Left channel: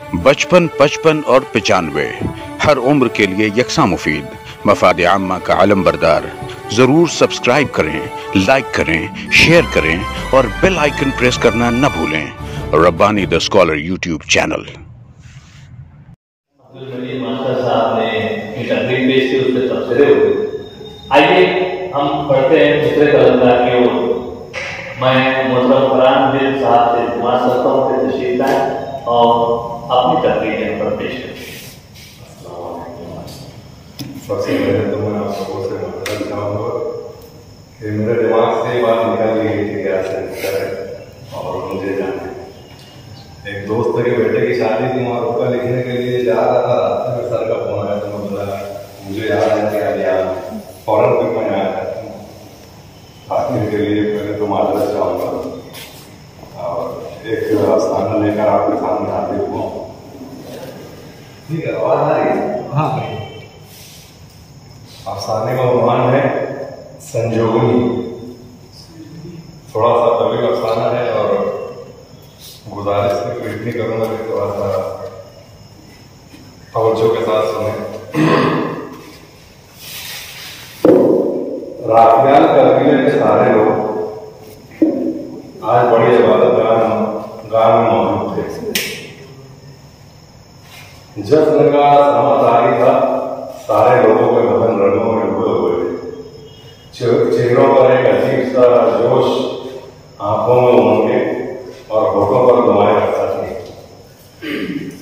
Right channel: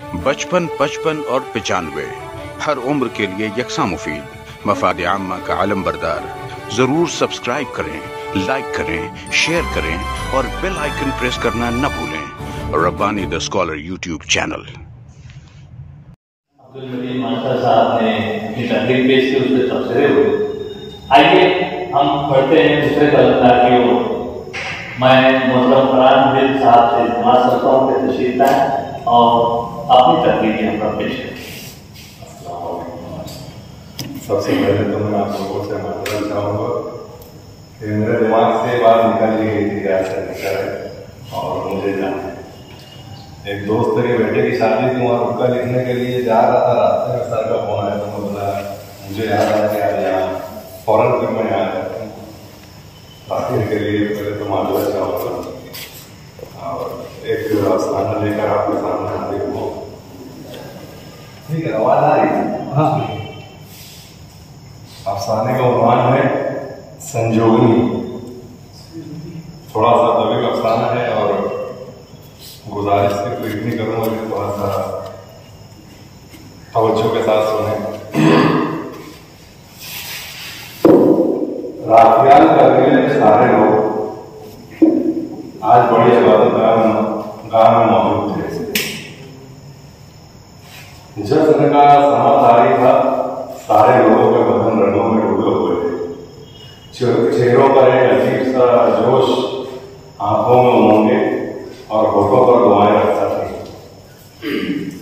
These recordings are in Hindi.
55, 55 और 95 हर उम्र के लिए यकसा मुफीद, मफाद आम्मा का आलम बरदार। जरूर सब्सक्राइब करें, लाइक करें, शेयर करें और बेल आइकन प्रेस करना न भूलें। Rabbani the scholar YouTube channel. Abdul Majeed master साहब ने अपनी तकरीर पेश की, उससे तबसरे हुए। आइए हम पढ़ते हैं दूसरे तलबदार की ओर। मैं मोहम्मद फरहान दिल साहब से इल्तिमास करता हूँ कि तशरीफ लाएं और अपनी तकरीर यहाँ पर पेश करें। सबसे पहले तो मैं आप लोगों से माफी चाहूँगा कि मेरे दिमाग से बात निकल गई थी ऐसा लिखा है और मुझे जाना है। एक दोस्त के बेटे की शादी थी, वहाँ रुका लिखने के लिए जा रहा था, रास्ते में सर का फोन आया तो मैं बोला मुझे याद आ गया यहाँ फौरन तक मैं आया बाकी के लिए पहले तो माजरत चाहूँगा और एक अफसाना लेकर आपके सामने हाजिर हुआ। ठीक है, आवाज आ रही है? हाँ। अफसाने का उन्वान है संजोगनी। थोड़ा सा तवील अफसाना है और गुजारिश से तो इतनी करूंगा कि थोड़ा सा तवज्जो के साथ सुने। रातियाल करने के सारे लोग आज बड़ी इबादत गाह में मौजूद थे। जश्न का समा जारी था, सारे लोगों के बदन रंगों में डूबे हुए थे। चेहरों पर एक अजीब सा जोश, आंखों में उमंगे और होठों पर दुआएं रखता थी।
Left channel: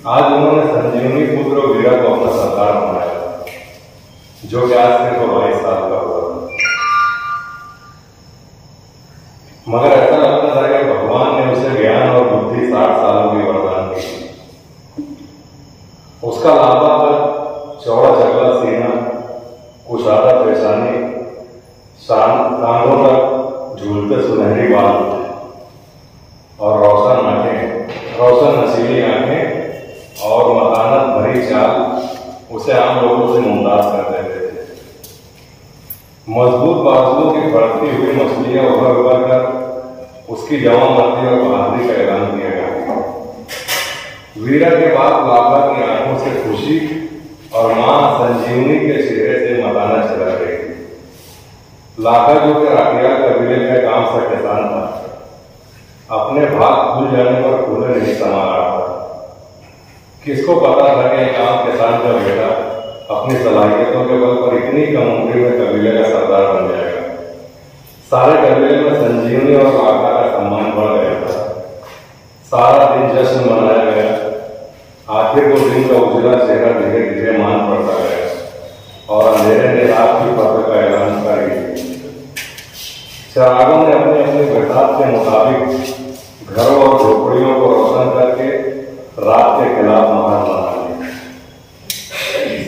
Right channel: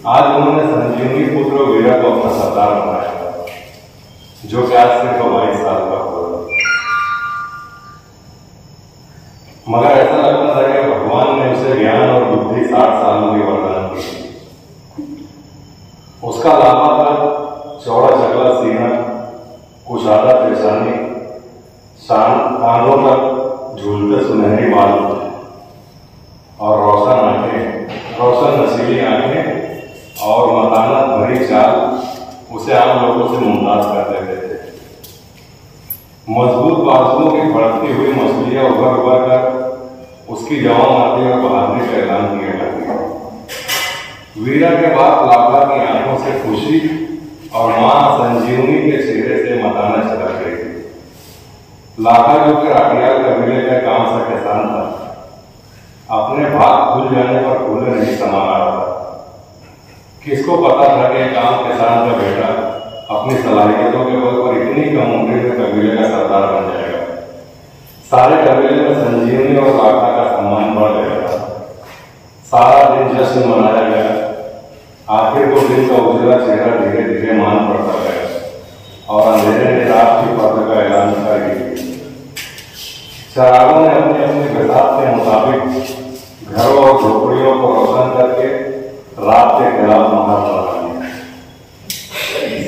आज उन्होंने संजीवनी पुत्र वीरा को अपना सरदार बनाया था, जो कि आज सिर्फ 22 साल का हुआ था। मगर ऐसा लगता था कि भगवान ने उसे ज्ञान और बुद्धि 60 सालों की वरदान की। उसका लांबा कद, चौड़ा चगला सीना, कुशादा पेशानी, कानों तक झूलते सुनहरे बाल और रोशन नशीली आंखें और मतानत भरी चाल उसे आम लोगों से मुमताज कर देते थे। मजबूत बाजुओं की बढ़ती हुई मछलियां उभर उभर कर उसकी जवानी और बहादुरी का ऐलान किया करती। वीरा के बाद लाभा की आंखों से खुशी और मां संजीवनी के चेहरे से मताना चला रही थी। लाखा जो कि राठियाल कबीले का काम से किसान था, अपने भाग खुल जाने पर खुले नहीं समा रहा था। किसको पता था कि एक आम किसान का बेटा अपनी सलाहियतों के बल पर इतनी कम उम्र में कबीले का सरदार बन जाएगा। सारे कबीले में संजीवनी और लाखा का सम्मान बढ़ गया था। सारा दिन जश्न मनाया गया। आखिर 2 दिन का उजला चेहरा धीरे धीरे मान पड़ता गया और अंधेरे ने रात की फर्द का ऐलान कर दिया। चरागों ने अपने अपने गठात के मुताबिक घरों और झोपड़ियों को रोशन करके रात के खिलाफ महान बना लिया।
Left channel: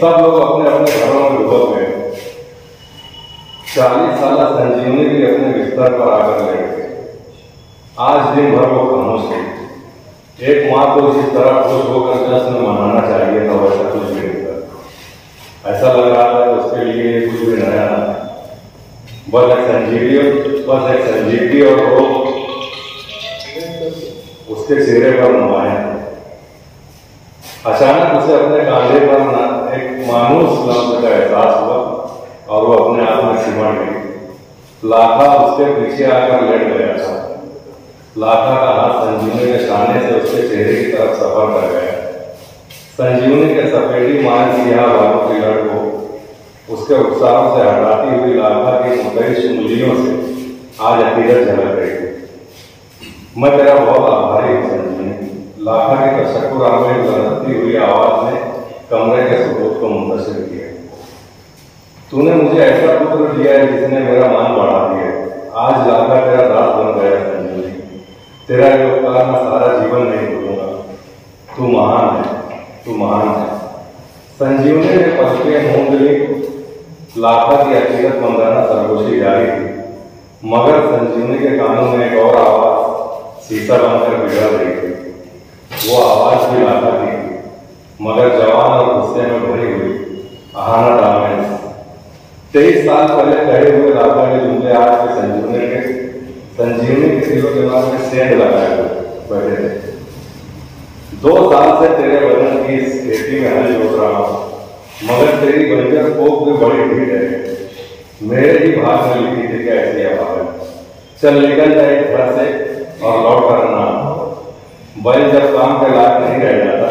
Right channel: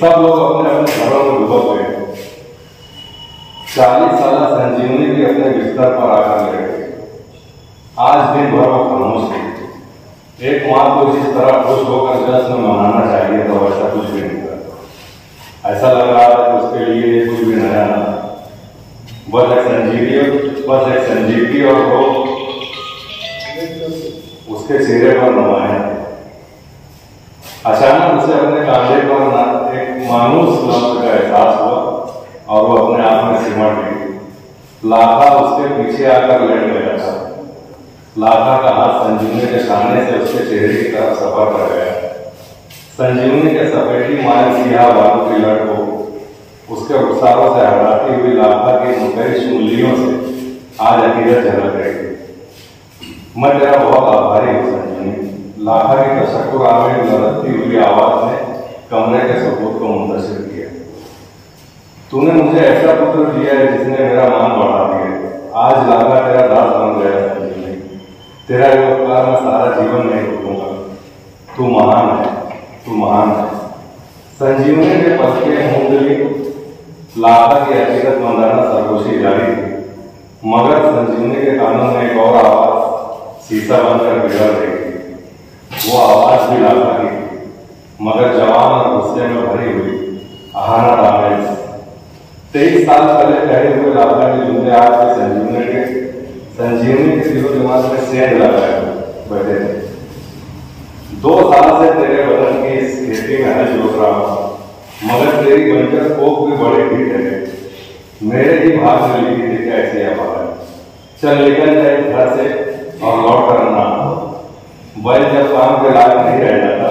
सब लोग अपने अपने घरों में डूब गए। 40 साल संजीवनी भी अपने बिस्तर पर आकर लेट गए। आज दिन भर वो खामोश थी। एक माँ को जिस तरह खुश होकर जश्न मनाना चाहिए था, वैसा कुछ भी नहीं था। ऐसा लग रहा था कि उसके लिए कुछ भी नया था। बस एक संजीवनी और वो उसके चेहरे पर नुमाया। अचानक उसे अपने कांधे पर एक मानूस लफ्ज का एहसास हुआ और वो अपने आप में सिमट गई। लाखा उसके पीछे आकर लेट गया था। लाखा का हाथ संजीवनी के सामने से उसके चेहरे की तरफ सफर कर गया। संजीवनी के सफेदी माल सिया बालों की लड़ को उसके रुखसारों से हटाती हुई लाखा की मुदरिश उंगलियों से आज अकीदत झलक रही थी। मैं तेरा बहुत आभारी हूँ संजीवनी। लाखा की तशक्कुर आमेर लड़ती हुई आवाज ने कमरे के सुकूत को मुंतशिर किया। तूने मुझे ऐसा पुत्र दिया है जिसने मेरा मान बढ़ा दिया। आज लाखा तेरा दास बन गया संजीवनी। तेरा ये उपकार मैं सारा जीवन नहीं भूलूंगा। तू महान है, तू महान है। संजीवनी के पलके मूंगली लाखा की अकीदत मंदाना सरगोशी जारी थी, मगर संजीवनी के कानों में एक और आवाज शीशा बनकर बिगड़ रही थी। वो आवाज भी लाखा की थी, मगर जवान और गुस्से में भरी हुई आहाना डामेज। 23 साल पहले खड़े हुए लाखा के जुमले आज के संजीवनी के दिलो दिमाग में सेंध लगाए बैठे थे। 2 साल से तेरे खेती में हल जोत रहा हूँ, मगर तेरी बंजर कोख भी बड़ी ढीठ है। मेरे ही भाग में लिखी थी क्या ऐसी आवाज, चल निकल जाए घर से और लौट कर ना। बैल जब काम के लायक नहीं रह जाता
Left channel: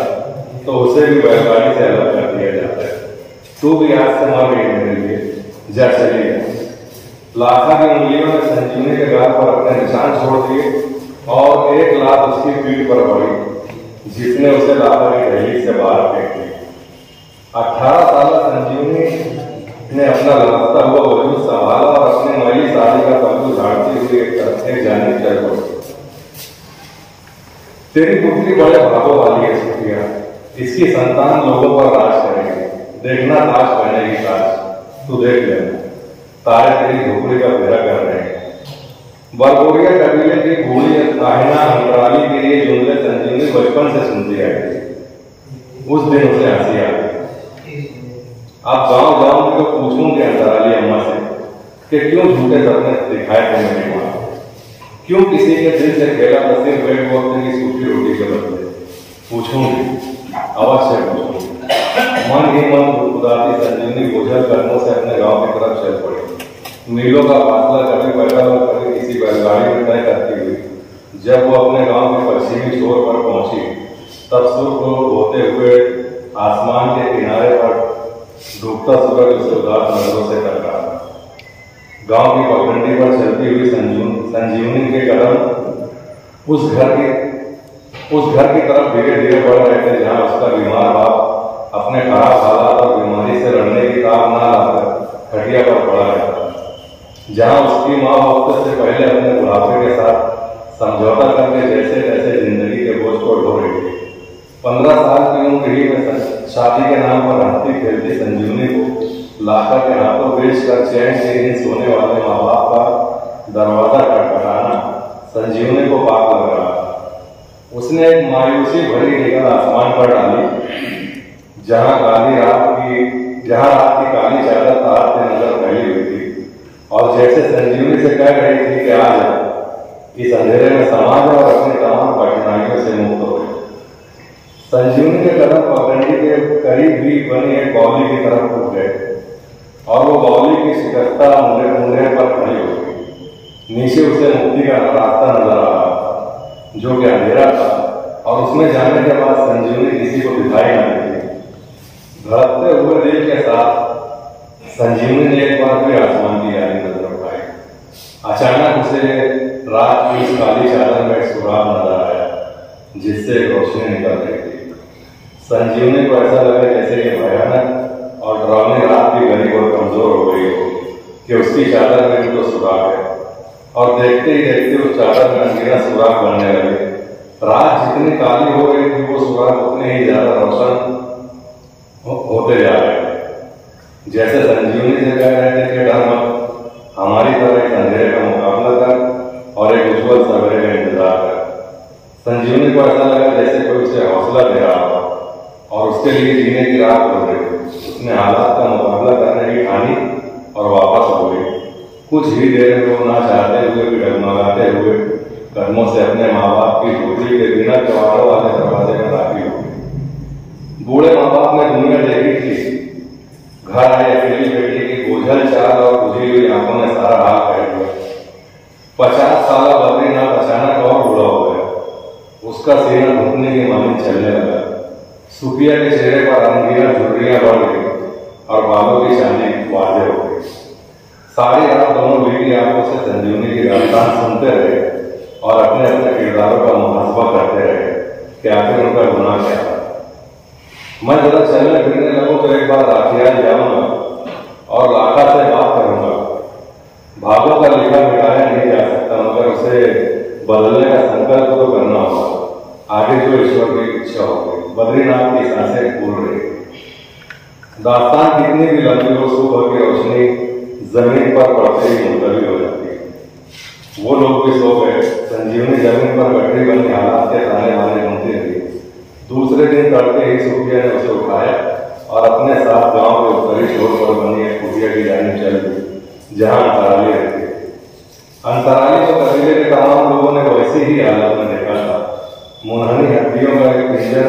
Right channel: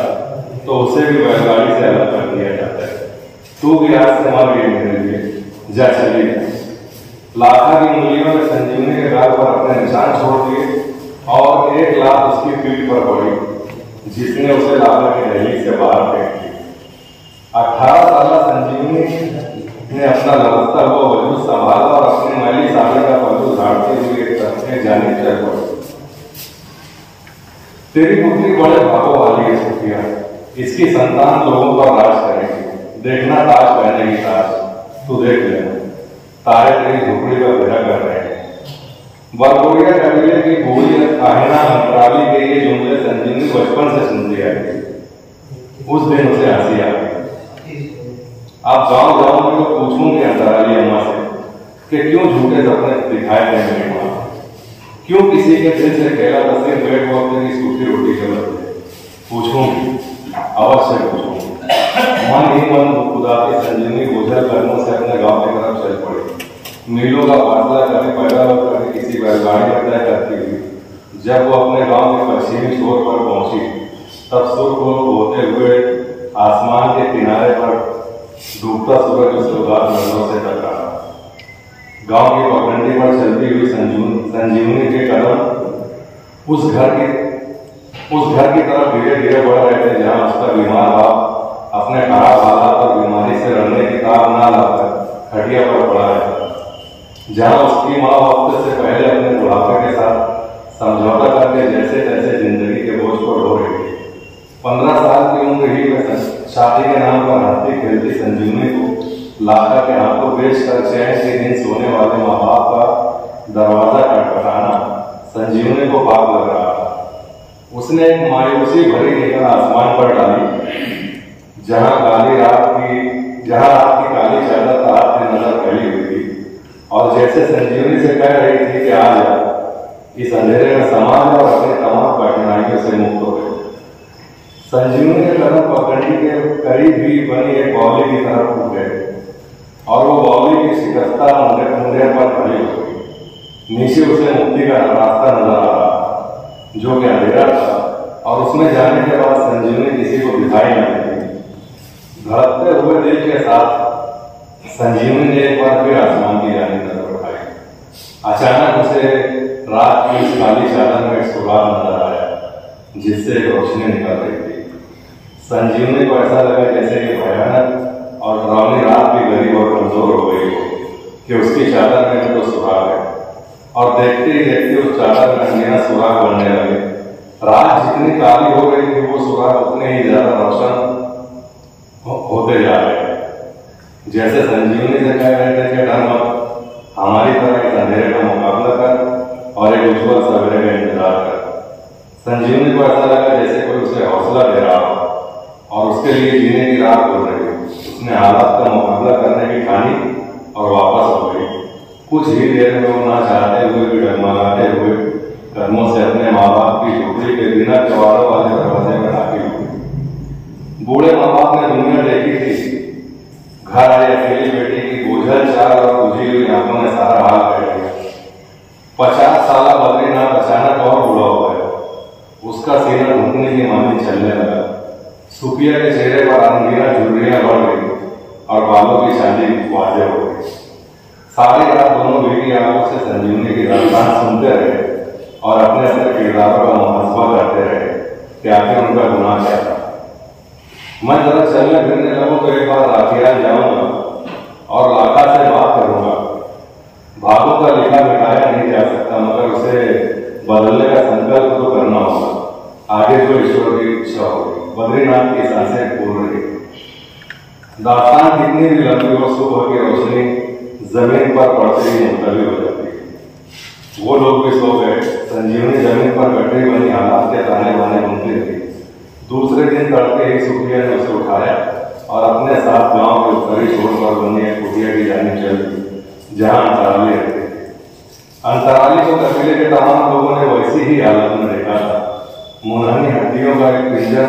तो उसे भी बैलगाड़ी से अलग कर दिया जाता है। तू भी आज से मर गई मेरे लिए, जा चली जा। लाखा की उंगलियों ने संजीवनी के गाल पर अपने निशान छोड़ दिए और एक लात उसकी पीठ पर पड़ी, जिसने उसे लाखा की दहलीज से बाहर फेंक दिया। 18 साल संजीवनी ने अपना लपकता हुआ वजूद संभाला और अपनी मैली साड़ी का पल्लू झाड़ती हुई एक जानिब चल पड़ी। तेरी पुत्री बड़े भागों वाली है सुफिया, इसकी संतान लोगों पर राज करेगी। देखना ताज बनेगी ताज, तू देख लेना, तारे तेरी झोपड़ी का घेरा कर रहे हैं। बरगोरिया कबीले की बूढ़ी काहिना अंतराली के ये जुमले संजीवनी बचपन से सुनती आई थी। उस दिन उसे हंसी आ गई। अब गांव जाऊंगी तो पूछूंगी अंतराली अम्मा से कि क्यों झूठे सपने दिखाए थे मेरी मां, क्यों किसी के दिल से खेला तो सिर्फ पेट वक्त की सूखी रोटी के बदले। पूछूंगी, अवश्य पूछूंगी। मन ही मन खुदाती संजीवनी बोझल कदमों से अपने गांव की तरफ चल पड़ी। मीलों का फासला कभी पैदल और कभी किसी बैलगाड़ी में तय करती हुई जब वो अपने गांव के पश्चिमी छोर पर पहुंची, तब सूर्य को होते हुए आसमान के किनारे पर डूबता सूरज उसे उदास नजरों से टकराया। गांव की पगडंडी पर चलती हुई संजीवनी के कदम उस घर की तरफ धीरे धीरे बढ़ रहे थे जहां उसका बीमार बाप अपने खराब हालात और बीमारी से लड़ने की तार ना लाकर खटिया पर पड़ा रहता, जहां उसकी माँ वक्त से पहले अपने बुढ़ापे के साथ समझौता करके जैसे तैसे जिंदगी के बोझ को ढो रही थी। 15 साल की उम्र ही में शादी के नाम पर हंसती खेलती संजीवनी को लाखा के हाथों बेच कर चैन से नींद सोने वाले माँ बाप का दरवाजा खटखटाना संजीवनी को पाप लग रहा था। उसने एक मायूसी भरी निगाह आसमान पर डाली, जहां रात की काली चादर तार से नजर फैली हुई थी, और जैसे संजीवनी से कह रही थी कि आ जा, इस अंधेरे में समा जा और अपने तमाम कठिनाइयों से मुक्त हो। संजीवनी के कदम पगडंडी के करीब भी बनी एक बावली की तरफ उठ गए और वो बावली की शिकस्ता मुंडे पर खड़ी हो गई। नीचे उसे मुक्ति का रास्ता नजर आ रहा था, जो कि अंधेरा था, और उसमें जाने के बाद संजीवनी किसी को दिखाई नहीं दी। धड़कते हुए दिल के साथ संजीवनी ने एक बार फिर आसमान की जानिब नजर उठाई। अचानक उसे रात की उस काली चादर में एक सुराग नजर आया, जिससे रोशनी निकल रही थी। संजीवनी को ऐसा लगा जैसे कि भयानक और डरावनी रात भी गरीब और कमजोर हो गई हो कि उसकी चादर में तो सुराग है, और देखते ही देखते उस चादर में अंधेरा सुराग बनने लगे। रात जितनी काली हो गई थी वो सुराग उतने ही ज्यादा रोशन होते जा रहे। जैसे संजीवनी से कह रहे थे कि डर मत, हमारी तरह इस अंधेरे का मुकाबला कर और एक उज्जवल सवेरे का इंतजार कर। संजीवनी को ऐसा लगा जैसे कोई उसे हौसला दे रहा हो और उसके लिए जीने की राह खोल रही हो। उसने हालात का मुकाबला करने की ठानी और वापस हो गई। कुछ ही देर में वो ना चाहते हुए भी डगमगाते हुए कदमों से अपने माँ बाप की झोपड़ी के बिना किवाड़ों वाले दरवाजे में दाखिल हो गई। बूढ़े माँ बाप ने दुनिया देखी थी। घर आए अकेली बेटी की बोझल चाल और बुझी हुई आंखों ने सारा हाल कह दिया। 50 साल बद्रीनाथ अचानक और बूढ़ा हो गया। उसका सीना घुटने की मानी चलने लगा। सुफिया के चेहरे पर अंगीना झुर्रियां बढ़ गई और बालों की चांदी वाजे हो गई। सारी रात दोनों बेटी आंखों से संजीवनी की दास्तान सुनते रहे और अपने अपने किरदारों का मुहासबा करते रहे कि आखिर उनका गुनाह क्या था। मैं जरा चलने फिरने लगूं तो एक बार राखियाल जाऊंगा और लाखा से बात करूंगा। भागों का लिखा मिटाया नहीं जा सकता, मगर उसे बदलने का संकल्प तो करना होगा। आगे जो ईश्वर की इच्छा होगी। बद्रीनाथ की सांसें फूल रही। दास्तान कितनी भी लंबी हो, सुबह की रोशनी जमीन पर पड़ते ही मुलतवी हो जाती है। वो लोग भी सो गए। संजीवनी जमीन पर बैठे बनी हालात के ताने बाने सुनती रही। दूसरे दिन तड़के ही सुफिया ने उसे उठाया और अपने साथ गांव के उत्तरी छोर पर बनी एक कुटिया की जानिब चल दी, जहां अंतराली रहती। अंतराली को कबीले के तमाम लोगों ने वैसी ही हालत में देखा था। मुनहनी हड्डियों का एक पिंजर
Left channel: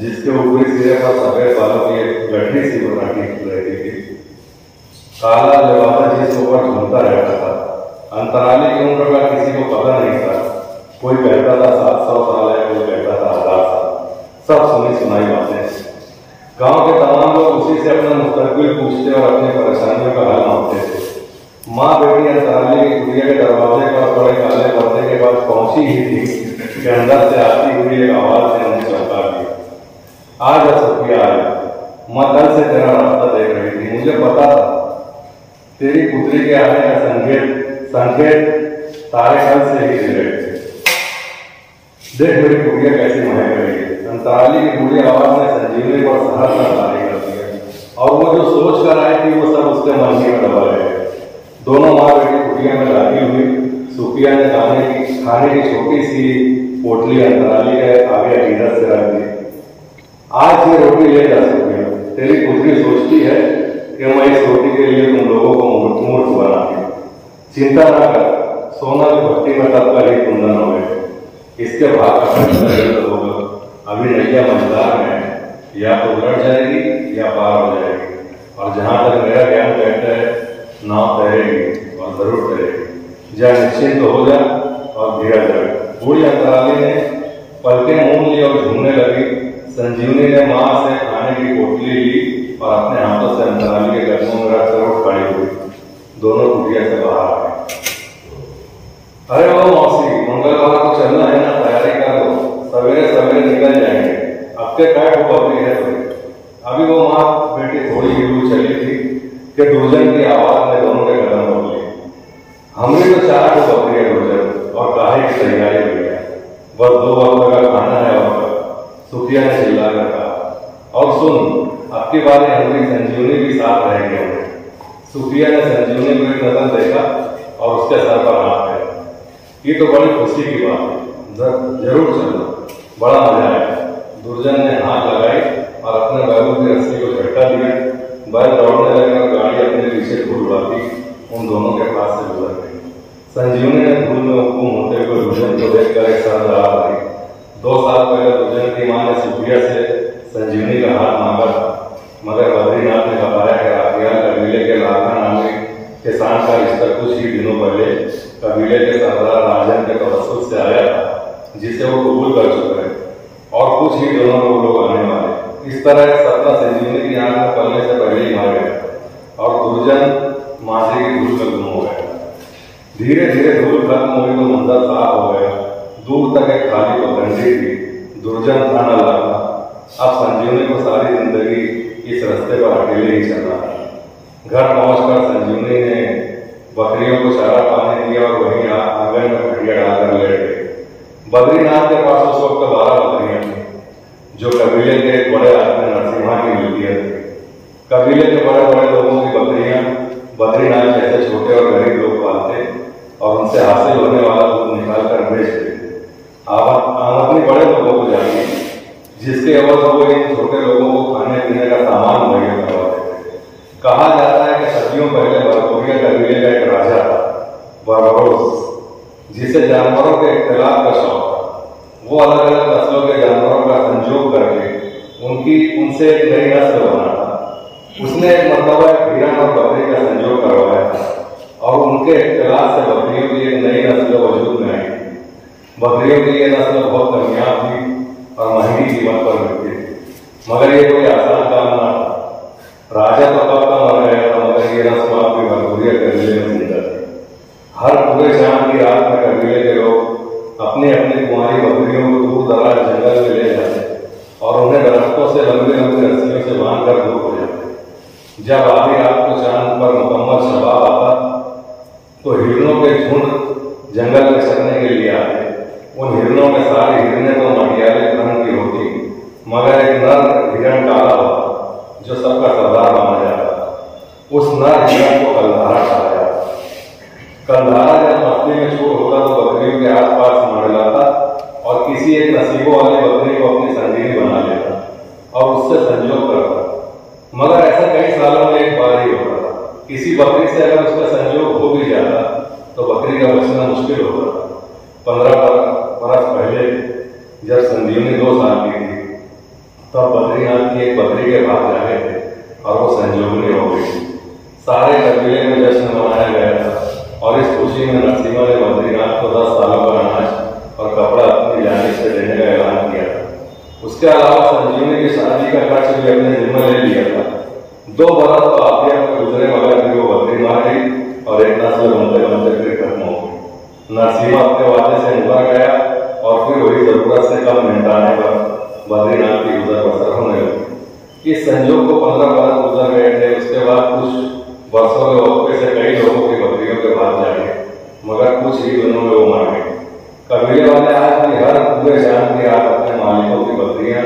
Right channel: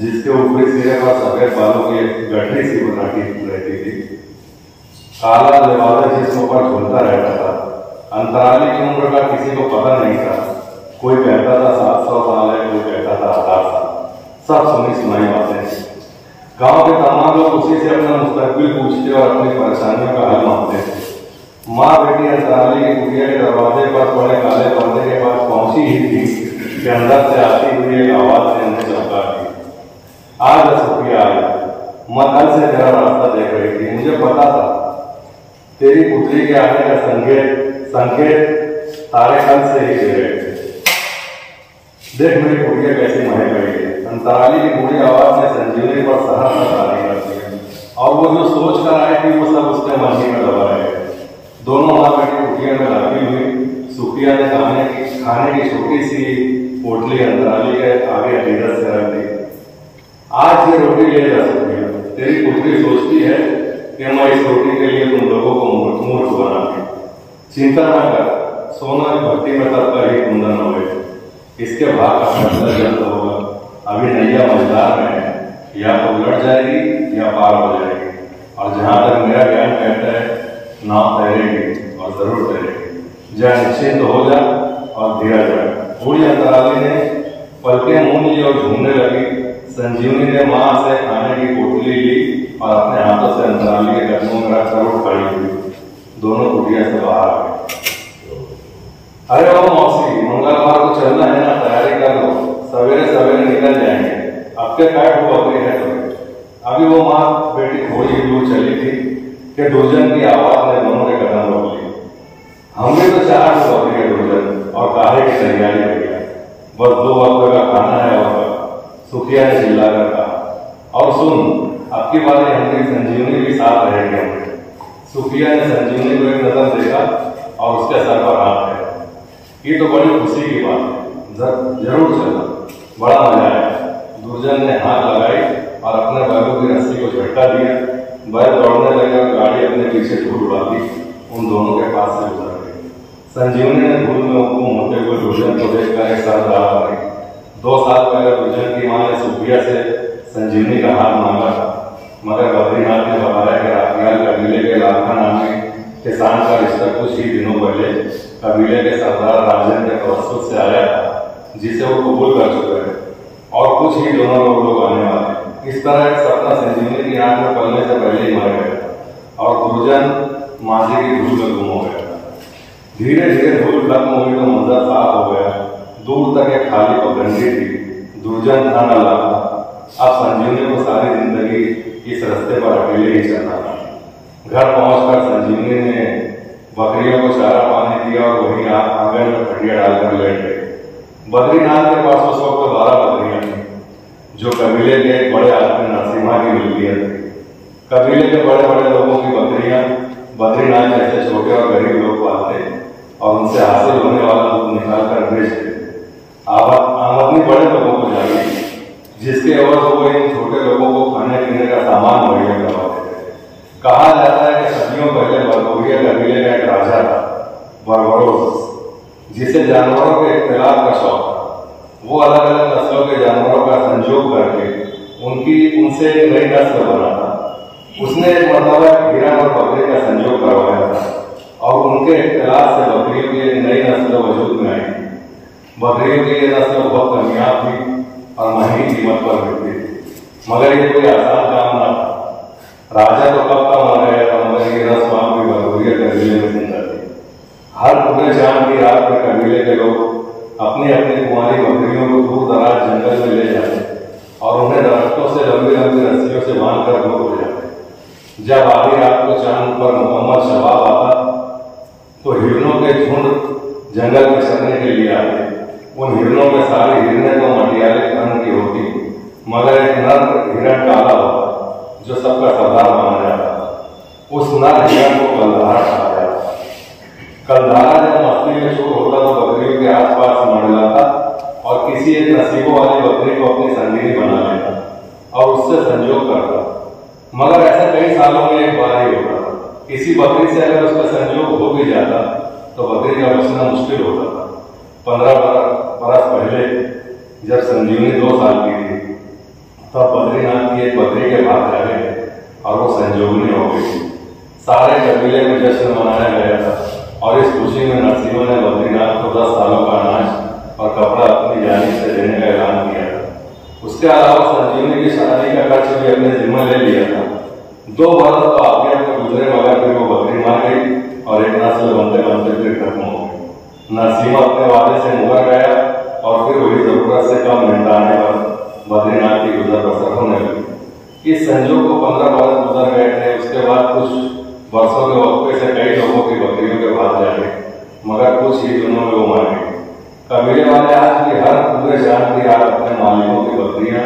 जिसके ऊपरी सिरे पर सफेद बालों की गठरी सी बनाटी रहती थी। काला जवाना जिसम पर झूलता रहता था। अंतराली की उम्र का किसी को पता नहीं था। कोई कहता था 700 साल है, कोई कहता था 1000 साल। सब सुनी सुनाई बातें। गांव के तमाम लोग उसी से अपना मुस्तकबिल पूछते और अपनी परेशानियों का हल मांगते थे। माँ बेटी अंतराली की कुटिया के दरवाजे पर बड़े काले पर्दे के पास पहुंची ही थी कि अंदर से आती हुई एक आवाज ने उन्हें चौंका दिया। आज सुफिया आई, माँ कल से तेरा रास्ता देख रही थी। मुझे पता था तेरी पुत्री के आने का संकेत तारे कल से ही दे रहे थे। देख मेरी कुटिया कैसी महक रही है। अंतराली की बुरी आवाज ने संजीवनी पर सहर का तारी कर दिया और वो जो सोच कर आई थी वो सब उसके मन में दबा रहे। दोनों माँ बेटी कुटिया में लगी हुई। सुफिया ने खाने की छोटी सी पोटली अंतराली के आगे अकीदत से रख दी। आज ये रोटी ले जा सकती है। तेरी पुत्री सोचती है कि मैं इस रोटी के लिए तुम लोगों को मूर्ख बनाऊंगी। चिंता न कर, सोना की भक्ति में तत्पर ही कुंदन हुए। इसके भाग का फैसला जल्द होगा। अभी नैया मझधार में है, या तो उलट जाएगी या पार हो जाएगी। और जहां तक मेरा ज्ञान कहता है नाव तैरेगी और जरूर तैरेगी। जा निश्चिंत हो जा और धीरज रख। बूढ़ी अंतराली ने पलकें मूंद ली और झूमने लगी। संजीवनी ने माँ से खाने की पोटली ली और अपने हाथों से अंतराली के कदमों में रखकर उठ खड़ी हुई। दोनों कुटिया से बाहर आ गए। अरे बाबू मौसी, मंगलवार को चलना है ना, तैयारी कर लो। सवेरे सवेरे निकल जाएंगे। अब के काय हो बकरी है तो। अभी वो माँ बेटी थोड़ी ही दूर चली थी कि दुर्जन की आवाज ने दोनों के कदम रोक लिए। हमने तो 4 बकरी है दुर्जन, और काहे की तैयारी हो गया। बस 2 वक्त का खाना है और सुफिया ने चिल्लाकर कहा। और सुन, अब की बार हमारी संजीवनी भी साथ रहेगी। सुफिया ने संजीवनी को एक नजर देखा और उसके सर पर हाथ फेरा। ये तो बड़ी खुशी की बात है, जरूर चलो, बड़ा मजा आया। दुर्जन ने हाथ लगाई और अपने बैलों की रस्सी को झटका दिया। बैल दौड़ने लगे और गाड़ी अपने पीछे धूल उड़ाती उन दोनों के पास से गुजर गई। संजीवनी ने धूल में हुक्म होते हुए दुर्जन को देखकर एक साथ राह आई। 2 साल पहले दुर्जन की मां ने सुफिया से संजीवनी का हाथ मांगा, मगर बद्रीनाथ ने बताया कि राखियाल कबीले के लाखा नामी किसान का रिश्ता कुछ ही दिनों पहले कबीले के सरदार राजन के तवस्सुल से आया था, जिसे वो कबूल कर चुके हैं और कुछ ही दिनों में वो लोग आने वाले। इस तरह का सपना संजीवनी की आंख में पलने से पहले ही मर गया और दुर्जन मांझे की धूल में गुम हो गया। धीरे धीरे धूल खत्म हुई तो मंजर साफ हो गया। दूर तक एक खाली पगडंडी थी। दुर्जन था न लाखा। अब संजीवनी को सारी जिंदगी इस रास्ते पर अकेले ही चलना था। घर पहुंचकर संजीवनी ने बकरियों को चारा पानी दिया और वहीं आंगन में खटिया डालकर लेट गई। बद्रीनाथ के पास उस वक्त 12 बकरियां थी, जो कबीले के एक बड़े आदमी नरसिम्हा की मिल्कियत थी। कबीले के बड़े बड़े लोगों की बकरियां बद्रीनाथ जैसे छोटे और गरीब लोग पालते और उनसे हासिल होने वाला दूध निकाल कर बेच देते। आमदनी बड़े लोगों को जाती, जिसके एवज वो इन छोटे लोगों को खाने पीने का सामान मुहैया करवाते थे। कहा जाता है कि सदियों पहले बरबरिया कबीले का एक राजा था, बरबरोस, जिसे जानवरों के इख्तिलाफ का शौक था। वो अलग अलग नस्लों के जानवरों का संयोग करके उनसे एक नई नस्ल बना था। उसने एक मरतबा हिरन और बकरी का संयोग करवाया था और उनके इख्तिलाफ से बकरियों की एक नई नस्ल वजूद में आई। बकरियों की ये नस्ल बहुत कामयाब थी और महंगी कीमत पर मिलती थी, मगर ये कोई आसान काम न था। राजा तो कब का मर गया था, मगर ये रस्म आपकी बरबरिया कबीले में जिंदा थी। हर पूरे चांद की रात में कबीले के लोग अपनी अपनी कुंवारी बकरियों को दूर दराज जंगल में ले जाते और उन्हें दरख्तों से लंबी लंबी रस्सियों से बांधकर दूर हो जाते। जब आधी रात को चांद पर मुकम्मल शबाब आता तो हिरणों के झुंड जंगल में चरने के लिए आते। उन हिरणों के सारे हिरने तो मटियाले रंग की होती, मगर एक नर हिरण काला होता जो सबका सरदार माना जाता। उस नर हिरण को कलधारा कहा जाता। कलधारा जब मस्ती में चोर होता तो बकरियों के आसपास मंडलाता और किसी एक नसीबों वाली बकरी को अपनी संगिनी बना लेता और उससे संजोग करता। मगर ऐसा कई सालों में एक बार ही होता। किसी बकरी से अगर उसका संजोग हो भी जाता तो बकरी का बचना मुश्किल होता। 15 बरस पहले जब संजीवनी 2 साल की थी तब बद्रीनाथ की एक बकरी के भाग जाने थे और वो संजोगनी हो गई थी। सारे कबीले में जश्न मनाया गया था और इस खुशी में नरसिम्हा ने बद्रीनाथ को 10 सालों का अनाज और कपड़ा अपनी जानिब से देने का ऐलान किया था। उसके अलावा संजीवनी की शादी का खर्च भी अपने जिम्मा ले लिया था। 2 बरस तो आगे में गुजरे मगर फिर वो बकरी मार गई और एक नस्ल बनते बनते फिर खत्म हो गई। नरसिम्हा अपने वादे से मुकर गया और फिर वही जरूरत से कम मेहनताने पर बद्रीनाथ की गुजर बसर होने लगी। इस संजोग को 15 बरस गुजर गए थे। उसके बाद कुछ वर्षों के वक्फे से कई लोगों की बकरियों के भाग जाए मगर कुछ ही दिनों में वो मर गए। कबीले वाले आज भी हर पूरे शाम की रात अपने मालिकों की बकरियां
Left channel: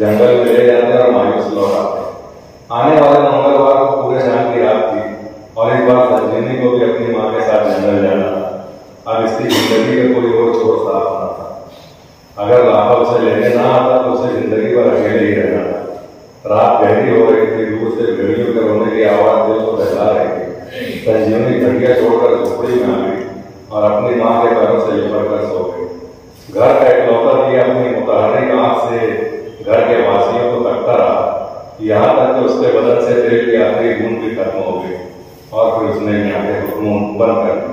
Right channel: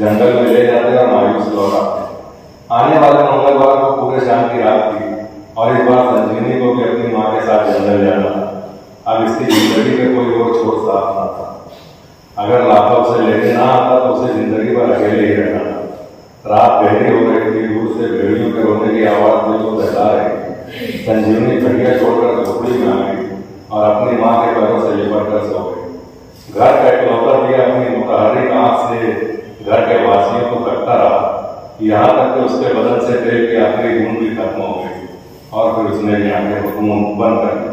जंगल में ले जाते और मायूस लौट आते। आने वाले मंगलवार को पूरे शाम की रात थी और इस बार संजीवनी को भी अपनी माँ के साथ जंगल जाना। अब इसकी जिंदगी में कोई और छोर साफ न था। अगर लाखा उसे लेने ना आता तो उसे जिंदगी भर अकेले ही रहना था। रात गहरी हो रही थी। दूर से भेड़ियों के रोने की आवाज दिल को दहला रही थी। संजीवनी घड़िया छोड़कर झोपड़ी में आ गई और अपनी माँ के पैरों से लिपट कर सो गई। घर का इकलौता दिया अपनी मुतहर्रिक आंख से घर के वासियों को तकता रहा, यहाँ तक कि उसके बदन से तेल की आखिरी बूंद भी खत्म हो गई और फिर उसने भी आंखें बंद कर दी।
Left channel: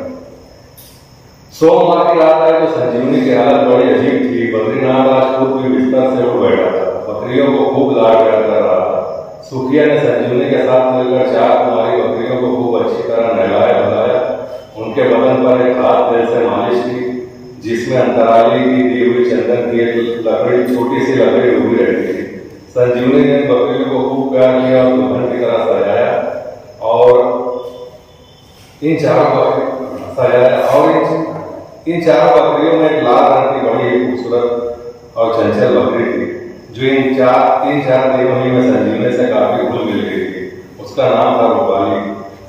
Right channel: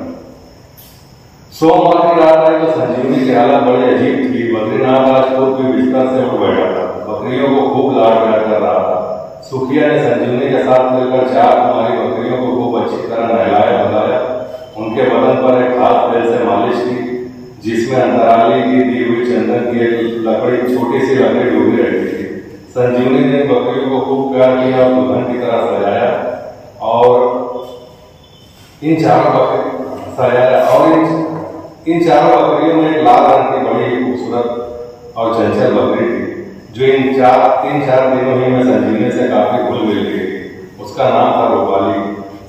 सोमवार की रात आई तो संजीवनी की हालत बड़ी अजीब थी। बद्रीनाथ राजपूत भी बिस्तर से उठ बैठा था। बकरियों को खूब लाड़ प्यार कर रहा था। सुखिया ने संजीवनी के साथ मिलकर 4 कुमारी बकरियों को खूब अच्छी तरह नहलाया धुलाया। उनके बदन पर एक खास तेल से मालिश की जिसमें अंतराली की दी हुई चंदन की एक लकड़ी छोटी सी लकड़ी डूबी रहती थी। संजीवनी ने बकरियों को खूब प्यार किया और दुल्हन की तरह सजाया और इन चारों बकरियों में एक लाल रंग की बड़ी खूबसूरत और चंचल बकरी थी जो इन 3-4 दिनों ही में संजीवनी से काफी घुल मिल गई थी। उसका नाम था रूपाली।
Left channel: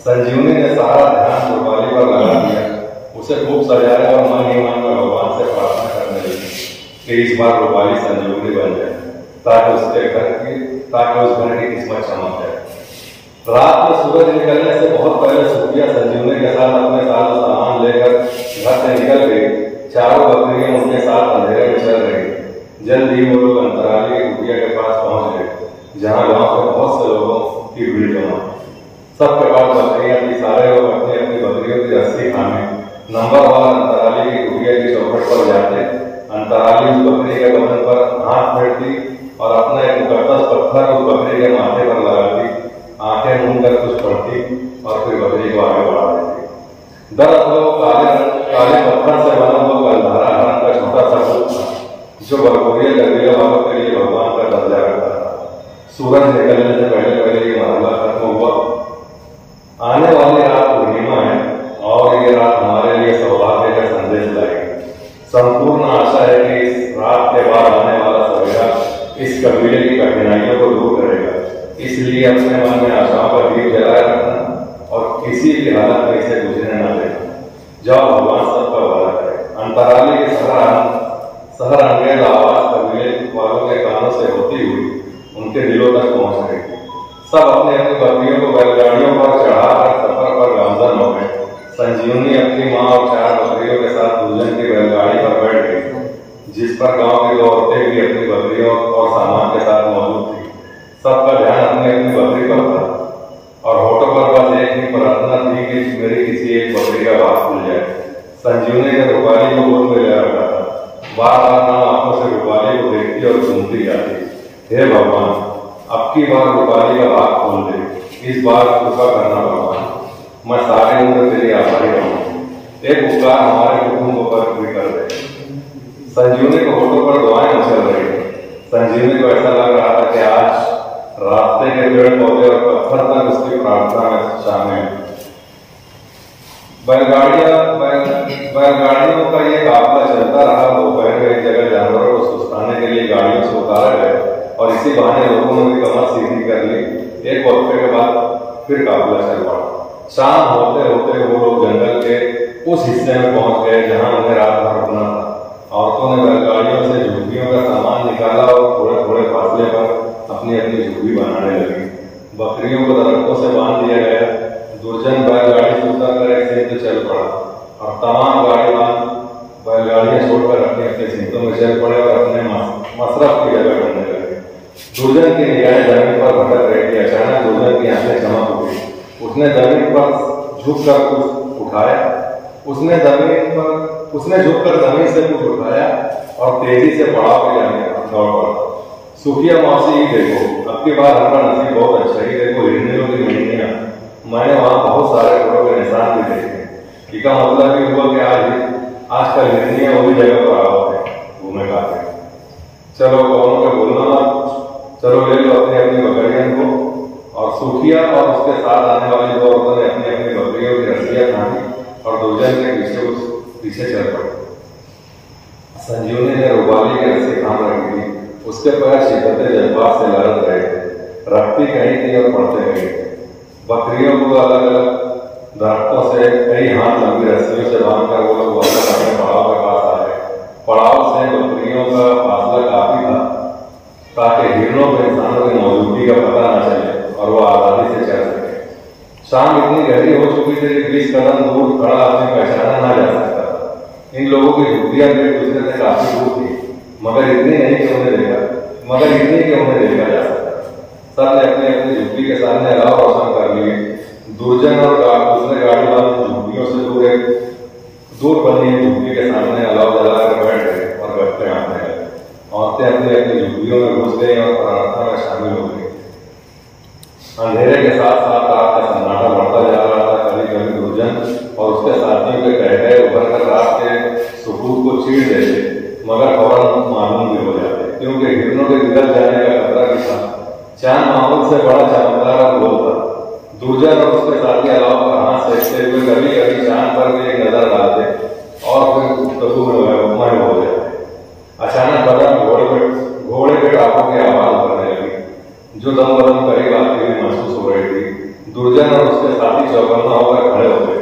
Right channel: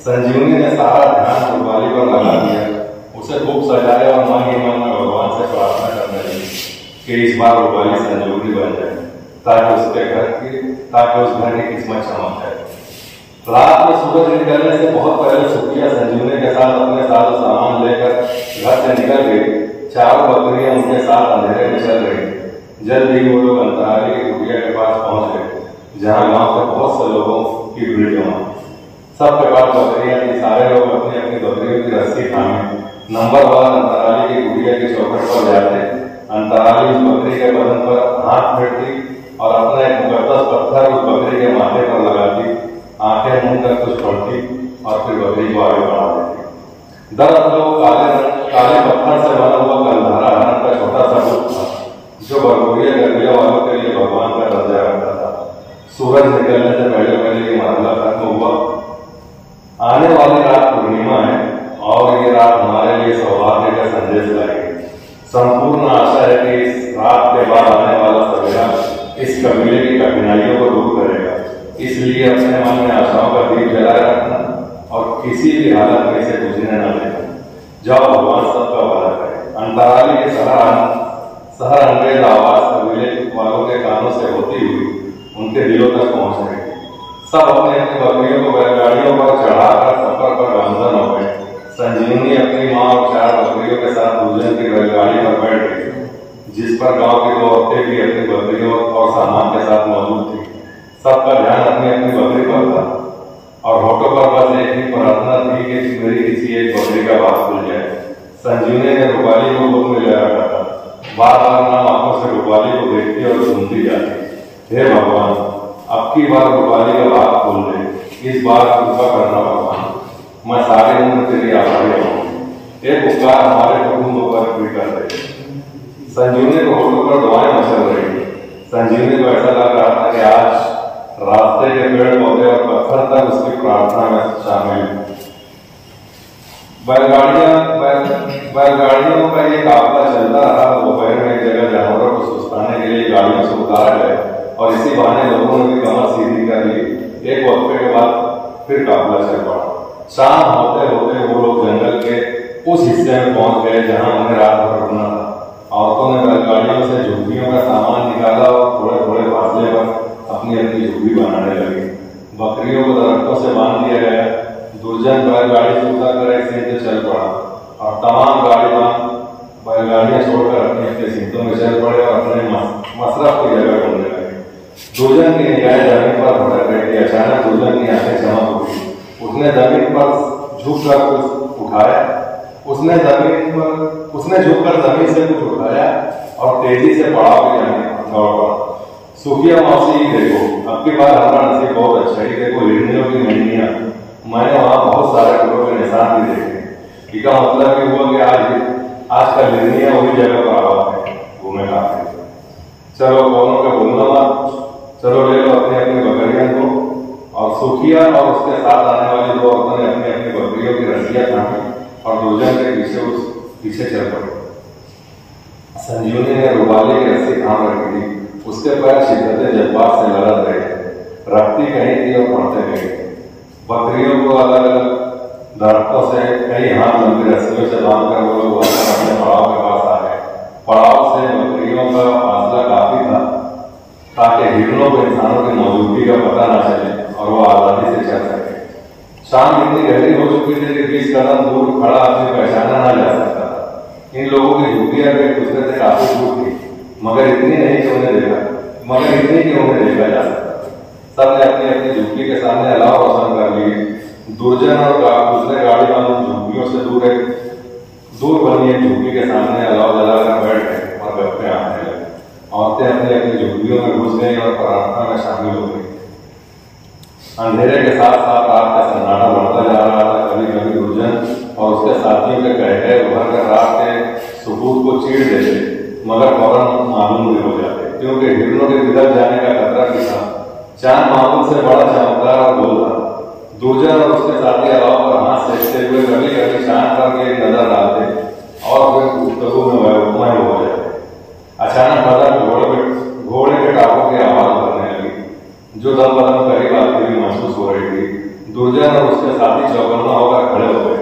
संजीवनी ने सारा ध्यान रूपाली पर लगा दिया। उसे खूब सजाया और मन ही मन में भगवान से प्रार्थना करने लगी कि इस बार रूपाली संजीवनी बन जाए ताकि उस घर की किस्मत चमक जाए। रात में सूरज निकलने से बहुत पहले सुखिया संजीवनी के साथ अपने सारा सामान लेकर घर से निकल गई। चारों बकरियां उनके साथ अंधेरे में चल रही। जल्द ही वो लोग अंतराली की कुटिया के पास पहुंच गए जहां गांव के बहुत से लोगों की भीड़ जमा। सबके पास बकरियां थी। सारे लोग अपनी अपनी बकरियों की रस्सी थामे नंबरवार अंतराली की कुटिया की चौखट पर जाते। अंतराली उस बकरी के बदन पर हाथ फेरती और अपना एक मुकद्दस पत्थर उस बकरी के माथे पर लगाती, आंखें मूंद कर कुछ पढ़ती और फिर बकरी को आगे बढ़ा देती। दरअसल वो काले पत्थर से बना हुआ कलधारा हरण का छोटा सा रूप था जो बरगोरिया गठरिया वालों के लिए भगवान का दर्जा रखता था। सूरज निकलने से पहले ये मरहला खत्म हुआ। आने वाली रात पूर्णिमा है और ये रात हमारे लिए सौभाग्य का संदेश लाएगी। संपूर्ण आशा है कि इस रात के बाद आने वाला सवेरा इस कबीले की कठिनाइयों को दूर करेगा। इसलिए अपने मन में आशाओं का दीप जलाए रखना और किसी भी हालत में इसे बुझने न देना। जाओ भगवान सबका भला करे। अंतराली के शहर अंग्रेज आवाज कबीले वालों के कानों से होती हुई उनके दिलों तक पहुंच गई। सब अपनी अपनी बकरियों को बैलगाड़ियों पर चढ़ाकर सफर पर गामजन हो गए। संजीवनी अपनी माँ और 4 बकरियों के साथ दुल्हन की बैलगाड़ी पर बैठ गई जिस पर गांव की 2 औरतें भी अपनी बकरियों और सामान के साथ मौजूद थी। सबका ध्यान अपनी अपनी बकरी पर था और होठों पर बस एक ही प्रार्थना थी कि मेरी किसी एक बकरी का बात खुल जाए। संजीवनी ने रूपाली को गोद में ले रखा था। बार बार नाम आंखों से रूपाली को देखती और सुनती जाती। हे भगवान, अब की बार रूपाली का बात खोल दे। इस बार कृपा करना भगवान, मैं सारे उम्र तेरी आभारी रहूं। एक उपकार हमारे कुटुंब पर भी कर दे। संजीवनी को होठों पर दुआएं मचल रही थी। संजीवनी को ऐसा लग रहा था कि आज रास्ते के पेड़ पौधे और पत्थर तक उसकी प्रार्थना में शामिल है। बैलगाड़ियों का ये काफिला चलता रहा। दोपहर में एक जगह जानवरों को सुस्ताने के लिए गाड़ियों से उतारा गया और इसी बहाने लोगों ने भी कमर सीधी कर ली। एक वक्फे के बाद फिर काफिला चल पड़ा। शाम होते होते वो लोग जंगल के उस हिस्से में पहुंच गए जहां उन्हें रात भर रुकना था। औरतों ने बैलगाड़ियों से झुग्गियों का सामान निकाला और थोड़े थोड़े फासले पर अपनी अपनी झुग्गी बनाने लगी। बकरियों को दरख्तों से बांध दिया गया। दुर्जन बैलगाड़ी से उतरकर एक सीट से चल पड़ा और तमाम बैलगाड़ियां छोड़कर अपनी अपनी सीटों में चल पड़े और अपने मसरफ की जगह ढूंढने लगे। दुर्जन की निगाहें जमीन पर भटक रही थी। अचानक दुर्जन की आंखें चमक उठी। उसने जमीन पर झुककर कुछ उठाया। उसने झुककर जमीन से कुछ उठाया और तेजी से पड़ाव पे जाने दौड़ पड़ा। सुखिया मौसी, देखो अब की बार हमारा नसीब बहुत अच्छा है। देखो हिरनियों की हिरनियां, मैंने वहां बहुत सारे घोड़ों के निशान भी देखे। इसका मतलब ये हुआ कि आज कल हिरनियां उसी जगह पर आवाज है घूमे खाते। चलो कौनों के बोलना मत, चलो ले लो अपनी अपनी बकरियों को। और सुखिया और उसके साथ आने वाली दो औरतों ने अपनी अपनी बकरियों की रस्सियां थामी और दुर्जन के पीछे चल पड़े। संजीवनी ने रुमाली की रस्सी थाम रखी थी। उसके पैर शिद्दत जज्बात से लड़त रहे थे। रखती कहीं थी और पड़ते गए। बकरियों को अलग अलग दरख्तों से कई हाथ लंबी रस्सियों से बांधकर वो लोग वापस अपने पड़ाव के पास आ गए। पड़ाव से बकरियों का फासला काफी था ताकि हिरणों को इंसानों की मौजूदगी का पता न चले और वो आजादी से चल सके। शाम इतनी गहरी हो चुकी थी कि 20 कदम दूर खड़ा आदमी पहचाना न जा सकता था। इन लोगों की झुग्गियां भी एक दूसरे से काफी दूर थी, मगर इतनी कि उन्हें देखा जा सकता। सब ने अपनी अपनी झुग्गी के सामने अलाव रोशन कर लिए। दुर्जन और दूसरे गाड़ी वालों झुग्गियों से दूर बनी झुग्गी के सामने अलाव जलाकर बैठ गए और गप्पे आने लगे। औरतें अपनी अपनी झुग्गियों में घुस गई और प्रार्थना में शामिल हो गई। अंधेरे के साथ साथ रात का सन्नाटा बढ़ता जा रहा था। कभी कभी दुर्जन और उसके साथियों के कहते उभर कर रात के सुकून को चीर देते, मगर फौरन मालूम भी हो जाते, क्योंकि हिरणों के बिगड़ जाने का खतरा भी था। चांद मामूल से बड़ा चमकदार और गोल था। दुर्जन और उसके साथी अलाव पर हाथ सेकते हुए कभी कभी चांद पर भी एक नजर डालते और फिर गुफ्तगू में वैभवमय हो जाते। अचानक बदन घोड़े के टापों की आवाज करने लगी, जो दम बदम करीब आती हुई महसूस हो रही थी। दुर्जन और उसके साथी चौकन्ना होकर खड़े हो गए।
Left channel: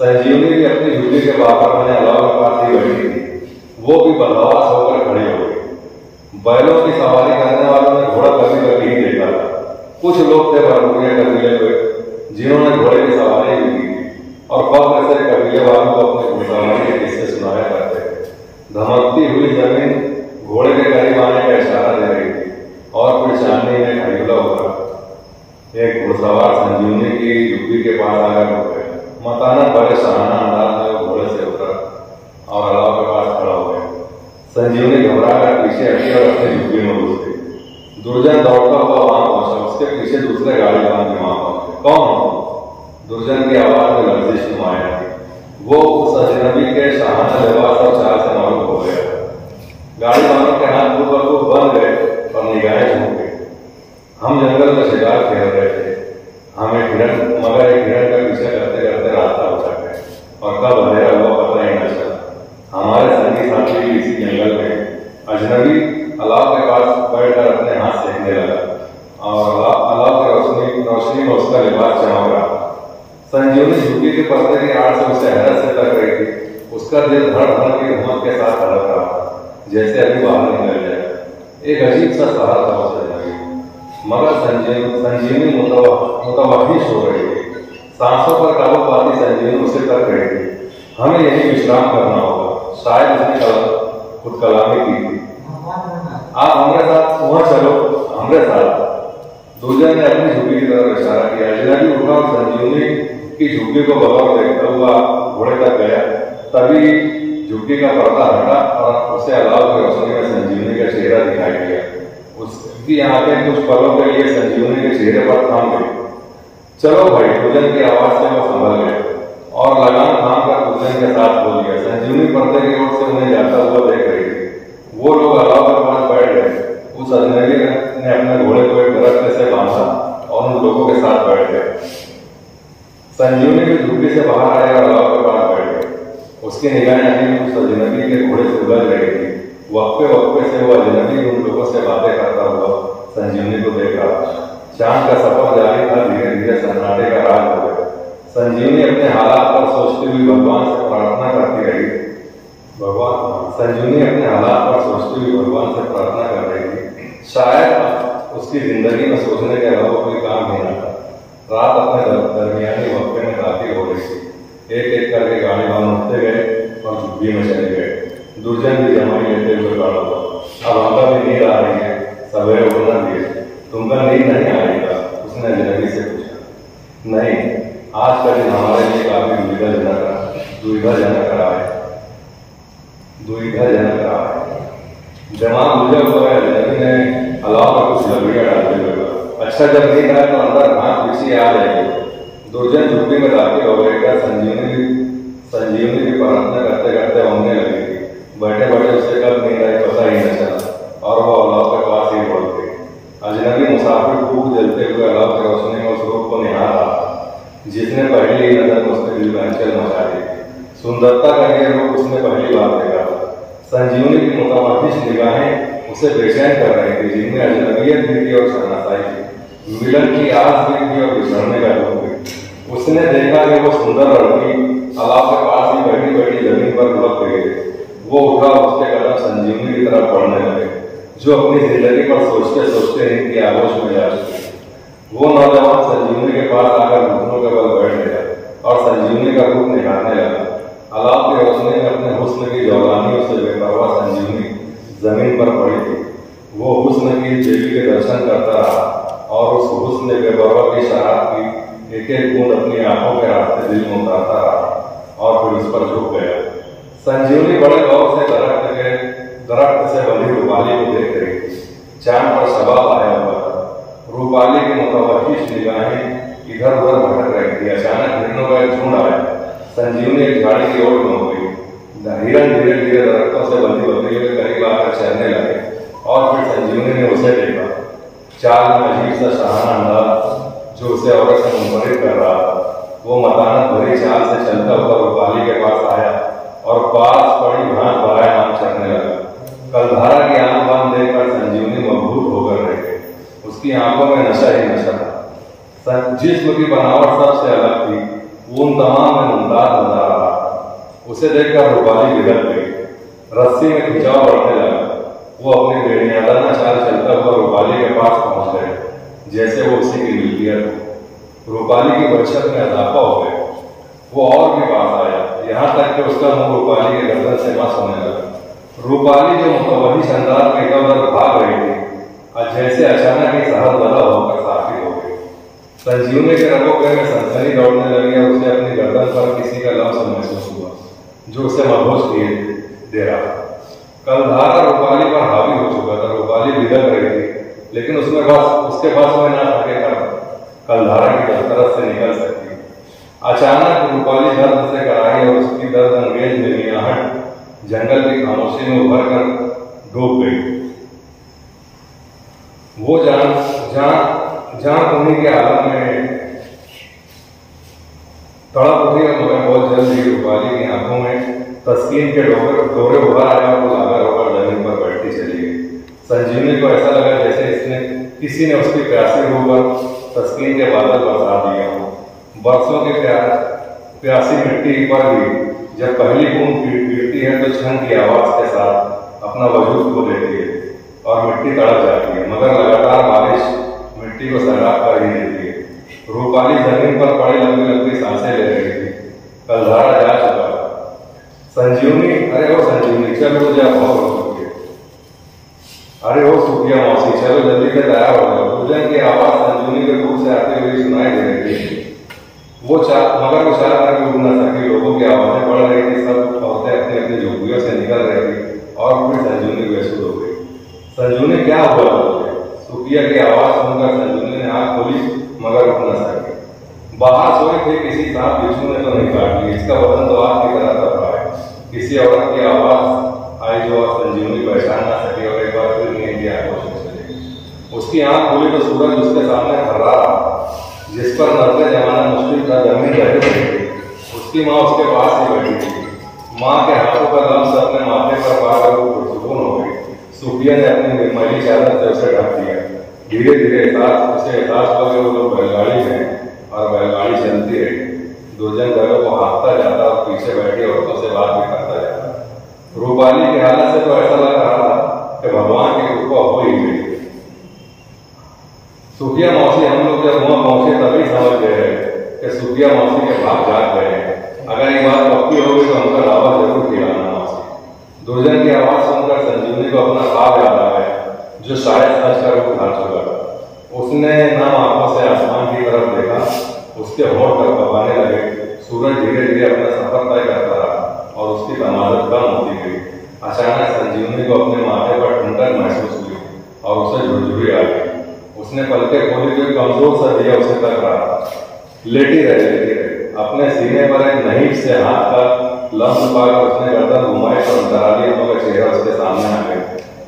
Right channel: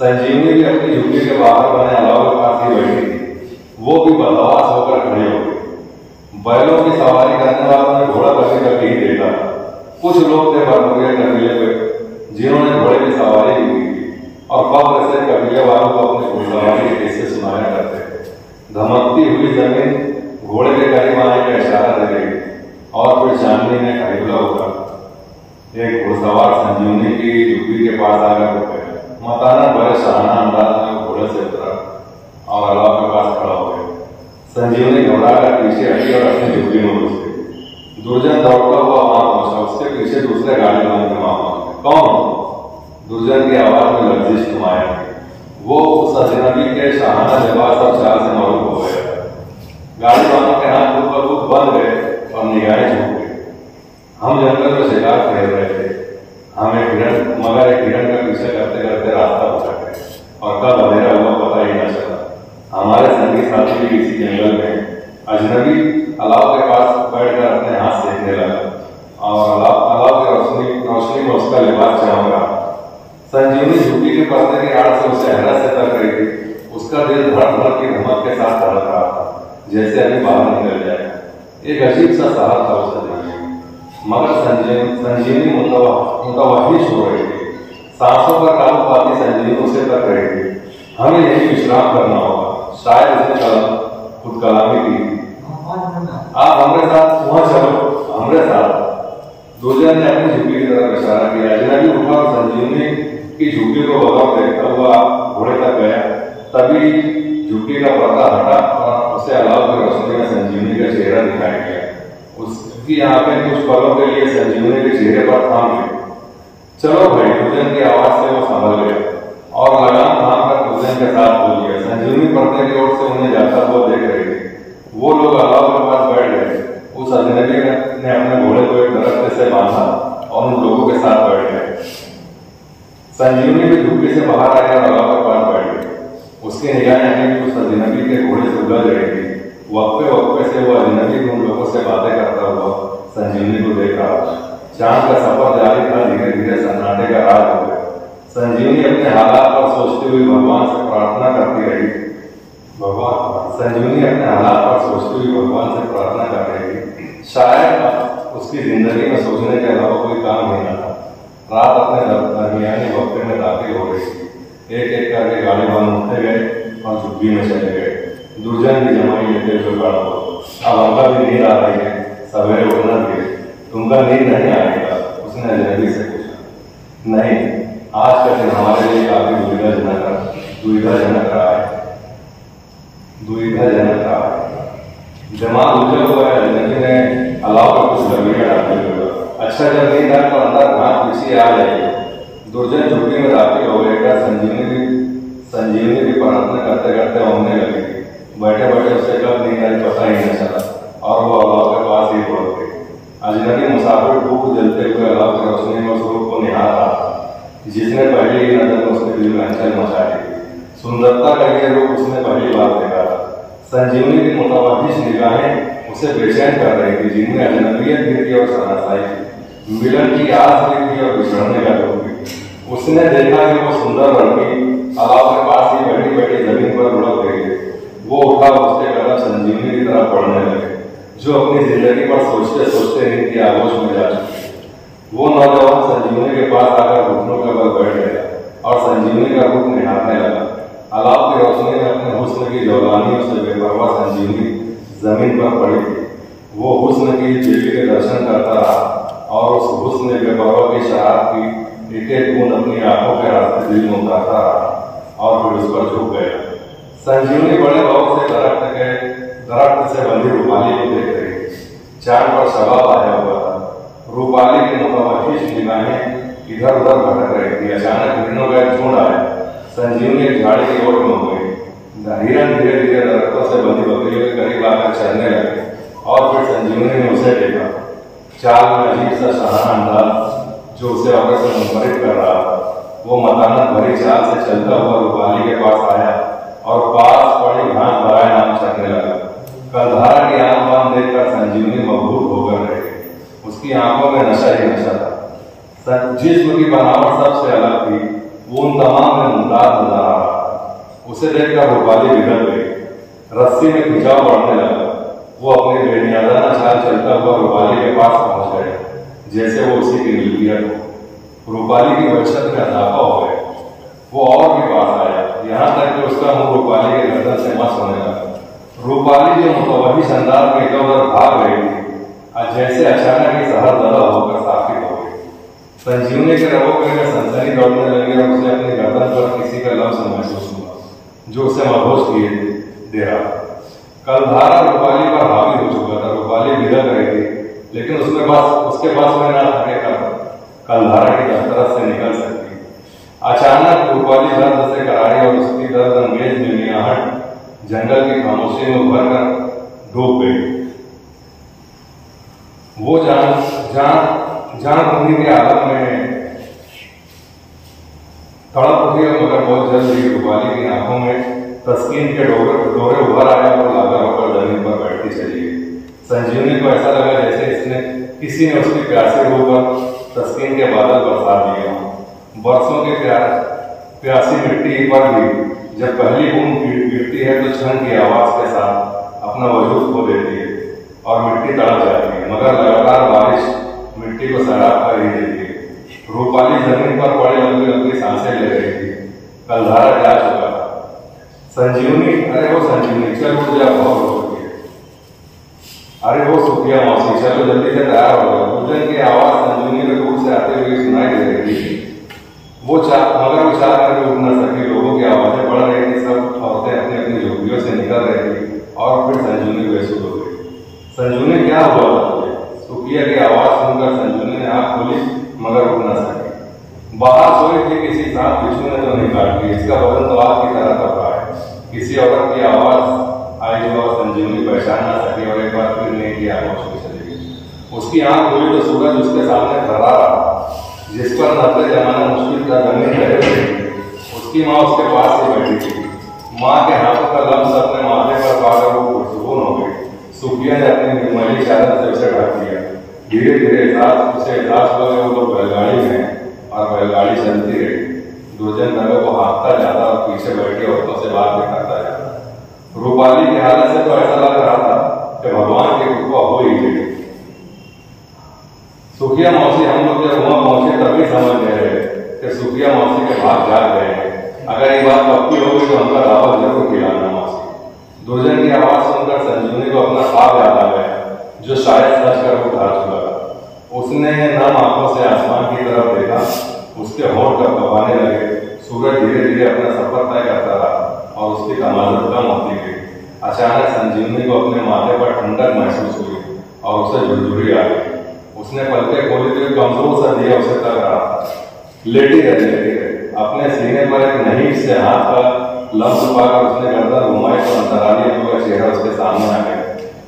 संजीवनी भी अपनी झुग्गी के बाहर बने अलाव के पास ही बैठी थी। वो भी बदहवास होकर खड़ी हो गई। बैलों की सवारी करने वालों ने घोड़ा कभी कभी ही देखा। कुछ लोग थे बरमुगे कबीले हुए जिन्होंने घोड़े की सवारी की थी और फख्र से कबीले वालों को अपने घुड़सवारी के किस्से सुनाया करते थे। धमकती हुई जमीन घोड़े के करीब आने का इशारा दे रही थी और फिर चांदनी ने खरीदा होगा। एक घुड़सवार संजीवनी की झुग्गी के पास आकर रुक गया। मकाना बड़े शाहाना अंदाज में वो घोड़े से उतरा और अलाव के पास खड़ा हो गया। संजीवनी घबराकर पीछे हटी और अपनी झुग्गी में घुस गई। दुर्जन दौड़ता हुआ वहां पहुंचा। उसके पीछे दूसरे गाड़ी वाले वहां पहुंचे। कौन? दुर्जन की आवाज में लर्जिश नुमाया थी। वो उस अजनबी के शाहाना लिबास और चाल से मालूम हो गया। गाड़ी वालों के हाथ खुद बंद गए और निगाहें झुक गई। हम जंगल में शिकार खेल रहे थे। मगर एक हिरण का पीछा करते करते रास्ता बचा गए और कब अंधेरा हुआ पता ही न चला। हमारे संगी साथी भी इसी जंगल में। अजनबी अलाव के पास बैठकर अपने हाथ सेकने लगा और अलाव की रोशनी में उसका लिबास चमक रहा। संजीवनी झुग्गी के पर्दे की आड़ से उसे हैरत से तक रही थी। उसका दिल धड़ धड़ की हिम्मत के साथ धड़क रहा था, जैसे अभी बाहर निकल जाएगा। एक अजीब सा सहारा था उसे जिंदगी, मगर संजीवनी मुतवहिश हो रही थी। सांसों पर काबू पाती संजीवनी उसे तक रही थी। हमें यही विश्राम करना होगा, शायद उसने खुद कलामी की थी। आप हमारे साथ वहां चलो, हमारे साथ। दुर्जन ने अपनी झुग्गी की तरफ इशारा किया। अजनबी उठा और संजीवनी की झुग्गी को बगल देखता हुआ घोड़े तक गया। तभी झुग्गी का पर्दा हटा और उसे अलाव की रोशनी में संजीवनी का चेहरा दिखाई दिया। उसकी आंखें कुछ पलों के लिए संजीवनी के चेहरे पर थाम गई। चलो भाई, दुर्जन की आवाज से वो संभल गया और लगाम थाम कर दुर्जन के साथ बोल गया। संजीवनी पर्दे की ओर से उन्हें जाता हुआ देख रही थी। वो लोग अलाव के पास बैठ गए। उस अजनबी ने अपने घोड़े को एक दरख्त से बांधा और उन लोगों के साथ बैठ गए। संजीवनी भी झुग्गी से बाहर आए और अलाव के पास बैठ गए। उसकी निगाहें हमें उस अजनबी के घोड़े से उलझ रही थी। वक्फे से वो अजनबी उन लोगों से बातें करता हुआ संजीवनी को देख रहा था। चांद का सफर जारी था। धीरे धीरे सन्नाटे का राज हो गया। संजीवनी अपने हालात पर सोचती हुई भगवान से प्रार्थना करती रही। संजीवनी अपने हालात पर सोचती हुई भगवान से प्रार्थना कर रही थी। शायद उसकी जिंदगी में सोचने के अलावा कोई काम नहीं था। रात अपने दरमियानी वक्फे में दाखिल हो रही थी। एक एक करके गाड़ी वाले उठते गए और झुग्गी में चले गए। दुर्जन की जमाई लेते हुए गाड़ा। अब अंकल भी नींद आ रही है। सवेरे उठना भी तुमको नींद नहीं आएगा? उसने अजनबी से पूछा। नहीं, आज का दिन हमारे लिए काफी दुविधाजनक रहा है। दिमाग उलझा हुआ है। अजनबी ने अलाव पर कुछ लकड़ियां डालने लगा। अच्छा, जब नींद आए तो अंदर घाट पीछे आ जाएगी। दुर्जन झुग्गी में दाखिल हो गए। संजीवनी की प्रार्थना करते करते होने लगी। बैठे बैठे उसे कब नींद आई पता ही न चला और वो अलाव के पास ही पहुंच गई। अजनबी मुसाफिर भूख जलते हुए अलाव की रोशनी में उस रूप को निहार रहा जिसने पहली ही नजर में उसके दिल में हलचल मचा दी थी। सुंदरता का ये रूप उसने पहली बार देखा था। संजीवनी की मुतवहिश निगाहें उसे बेचैन कर रही थी, जिनमें अजनबियत भी थी और शनासाई थी। मिलन की आस भी थी और बिछड़ने का दुख भी। उसने देखा कि वो सुंदर लड़की अलाव के पास ही बैठी बैठी जमीन पर लुढ़क गई। वो उठा, उसके कदम संजीवनी की तरफ बढ़ने लगे, जो अपनी जिंदगी पर सोचते सोचते नींद की आगोश में जा चुकी। वो नौजवान संजीवनी के पास आकर घुटनों के बल बैठ गया और संजीवनी का रूप निहारने लगा। अलाव की रोशनी में अपने हुस्न की जौलानियों से बेपरवाह संजीवनी जमीन पर पड़ी थी। वो हुस्न की देवी के दर्शन करता रहा और उस हुस्न बेपरवाह की शराब की एक एक बूंद अपनी आंखों के रास्ते दिल में उतारता रहा और फिर उस पर झुक गया। संजीवनी बड़े गौर से दरख्त से बंधी रूपाली को देख रही थी। चांद पर सवाल आया हुआ था। रूपाली की मुतवहिश निगाहें इधर उधर भटक रही थी। अचानक हिरणों का एक झुंड आया। संजीवनी एक झाड़ी की ओर में हो गई। हिरण धीरे धीरे दरख्तों से बंधी बकरियों के करीब आकर चलने लगे और फिर संजीवनी ने उसे देखा। चाल में अजीब सा शहाना अंदाज जो उसे औरत से मुनफरिद कर रहा था। वो मतानत भरी चाल से चलता हुआ रूपाली के पास आया और पास पड़ी घास भराए नाम चढ़ने लगा। कलधारा की आंख बांध देखकर संजीवनी मबहूत होकर रह गई। उसकी आंखों में नशा ही नशा था। जिस्म की बनावट सबसे अलग थी। वो उन तमाम में मुमताज नजर आ रहा था। उसे देखकर रूपाली बिगड़ गई। रस्सी में खिंचाव बढ़ने लगा। वो अपनी बेनियादाना चाल चलता हुआ रूपाली के पास पहुंच गया, जैसे वो उसी की मिल्कियत हो। रूपाली की वहशत में इजाफा हो गया। वो और भी पास आया, यहाँ तक कि उसका मुंह रूपाली के गर्दन से मस होने लगा। रूपाली जो मुतवहिश अंदाज में इधर उधर भाग रही थी, जैसे अचानक ही सहरदला होकर साफी हो गई। संजीवनी के रगों में सनसनी दौड़ने लगी और उसे अपनी गर्दन पर किसी का लफ्ज महसूस हुआ जो उसे मदहोश किए दे रहा। कलधारा रूपाली पर हावी हो चुका था। रूपाली बिगड़ रही थी, लेकिन उसके पास में ना थकेगा कलधारा की तरफ से निकल सकती। अचानक रूपाली दर्द से करारी और उसकी दर्द अंगेज मिर्गियाहट जंगल की खामोशी में उभर कर डूब गई। वो जान उन्हीं के आलम में तड़प उठी, मगर बहुत जल्द ही रूपाली की आंखों में तस्कीन के डोरे उभर आया और लाकर होकर जमीन पर बैठती चली गई। संजीवनी को ऐसा लगा जैसे किसी ने उसकी प्यासी रूह पर तस्कीन के बादल बरसा दिए हों। बरसों की प्यासी मिट्टी पर भी जब पहली बूंद गिरती है तो छन की आवाज के साथ अपना वजूद खो देती है और मिट्टी तड़प जाती है, मगर लगातार बारिश मिट्टी को सैराब कर ही देती है। रूपाली जमीन पर पड़ी लंबी लंबी सांसें ले रही थी। कलधारा जा चुका था। संजीवनी, अरे वो संजीवनी, चलो जा, बहुत हो चुकी है। अरे वो सुखिया मौसी, चलो जल्दी से तैयार हो जाओ। पूजन की आवाज संजीवनी के दूर से आते हुए सुनाई दे रही थी। मगर वो चाह कर उठ न सकी। लोगों की आवाजें बढ़ रही थी। सब औरतें अपनी अपनी झोपड़ियों से निकल रही थी और फिर संजीवनी बेसुध हो गई। संजीवनी, क्या हुआ? सुखिया की आवाज सुनकर संजीवनी ने आंख खोली, मगर उठ न सकी। बाहर सोई थी किसी सांप बिच्छू ने तो नहीं काट ली। इसका वजन तो आग की तरह तपा है। किसी औरत की आवाज आई जो संजीवनी पहचान न सकी और एक बार फिर नींद की आगोश में चली गई। उसकी आंख खुली तो सूरज उसके सामने खड़ा रहा, जिस पर नजरें जमाना मुश्किल था। जमीन रह रही थी। उसकी माँ उसके पास ही बैठी थी। माँ के हाथों का लफ्ज अपने माथे पर पाकर वो पुरसुकून हो गई। सुखिया ने अपनी मैली चादर से उसे ढक दिया। धीरे धीरे उसे एहसास हुआ कि वो लोग बैलगाड़ी में और बैलगाड़ी चलती रही। दुर्जन जगह को हाँकता जाता और पीछे बैठी औरतों से बात भी करता जाता। रूपाली की हालत से तो ऐसा लग रहा था कि भगवान की कृपा हो ही गई। सुखिया मौसी, हम लोग जब वहां पहुंचे तभी समझ गए कि सुखिया मौसी के भाग जाग गए हैं। अगर ये बात पक्की होगी तो हमका दावा जरूर खिलाना मौसी। दुर्जन की आवाज सुनकर संजीवनी को अपना ख्वाब याद आ गया जो शायद सच कर उठा चुका। उसने नम आंखों से आसमान की तरफ देखा, उसके होंठ कँपाने लगे। सूरज धीरे धीरे अपना सफर तय करता रहा और उसकी तमाज़त कम होती गई। अचानक संजीवनी को अपने माथे पर ठंडक महसूस हुई और उसे झुरझुरी आ गई। उसने पलकें खोली तो कमजोर सा दिया उसे तक रहा। लेटी रही। अपने सीने पर एक नहीब से हाथ का लम्ब पाकर उसने गर्दन घुमाई तो अंतराली अम्मा का चेहरा उसके सामने आ गया,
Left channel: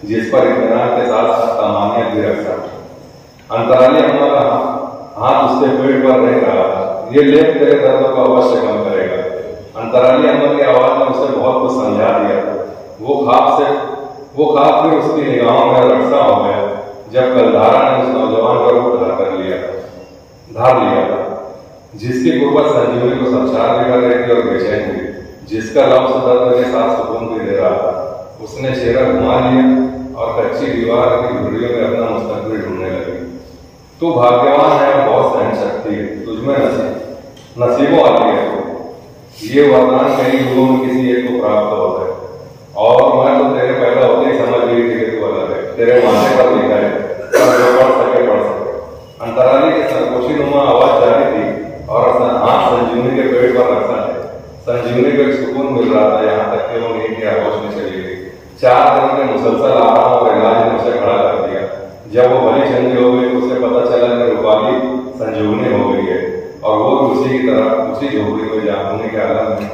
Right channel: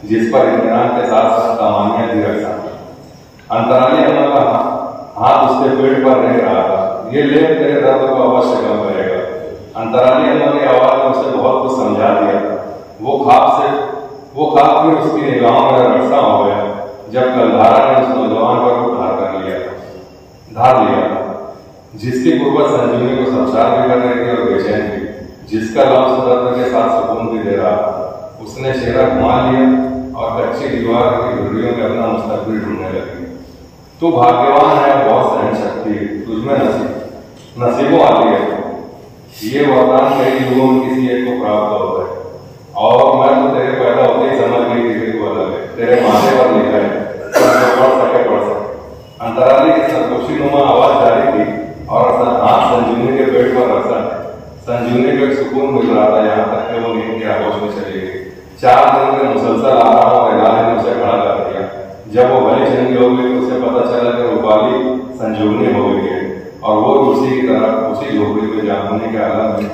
जिस पर इत्मीनान के साथ सामान्य भी रखा। अंतराली अम्मा का हाथ उसके पेट पर रह रहा था। ये लेप तेरे दर्द को अवश्य कम करेगा। अंतराली अम्मा की आवाज ने उसे बहुत कुछ समझा दिया। वो ख्वाब फिर उसकी निगाहों में रक्षा हो गया जब कलधारा ने उस नौजवान का रूप धार लिया, जिसकी गुर्बत संजीवनी को संसार भी कर रही थी और बेचैन थी, जिसका लफ्ज़ दर्द के साथ सुकून भी दे रहा था। उसने चेहरा घुमा लिया और कच्ची दीवार की झुर्रियों में अपना मुस्तकबिल ढूंढने लगी। तू भाग्यवान है और बहुत सहन शक्ति है, तुझमें नसीबों आती है। ये वरदान कई युगों में किसी एक को प्राप्त होता है और मैं तो तेरे पैदा होते ही समझ गई थी कि तू अलग है। तेरे माथे पर लिखा है, जो पढ़ सके। अंतराली की सरगोशी नुमा आवाज जारी थी और अपना हाथ संजीवनी के पेट पर रखा है। संजीवनी को एक सुकून मिल रहा था, यहाँ तक कि वो नींद की आगोश में चली गई। 4 दिन के मुसलसल आराम और इलाज ने उसे खड़ा कर दिया। जब वो भली चंगी हो गई तो उसे पता चला कि रूपाली संजीवनी हो गई है और वो उसी की तरह उसी झोपड़ी को जानने के आलम में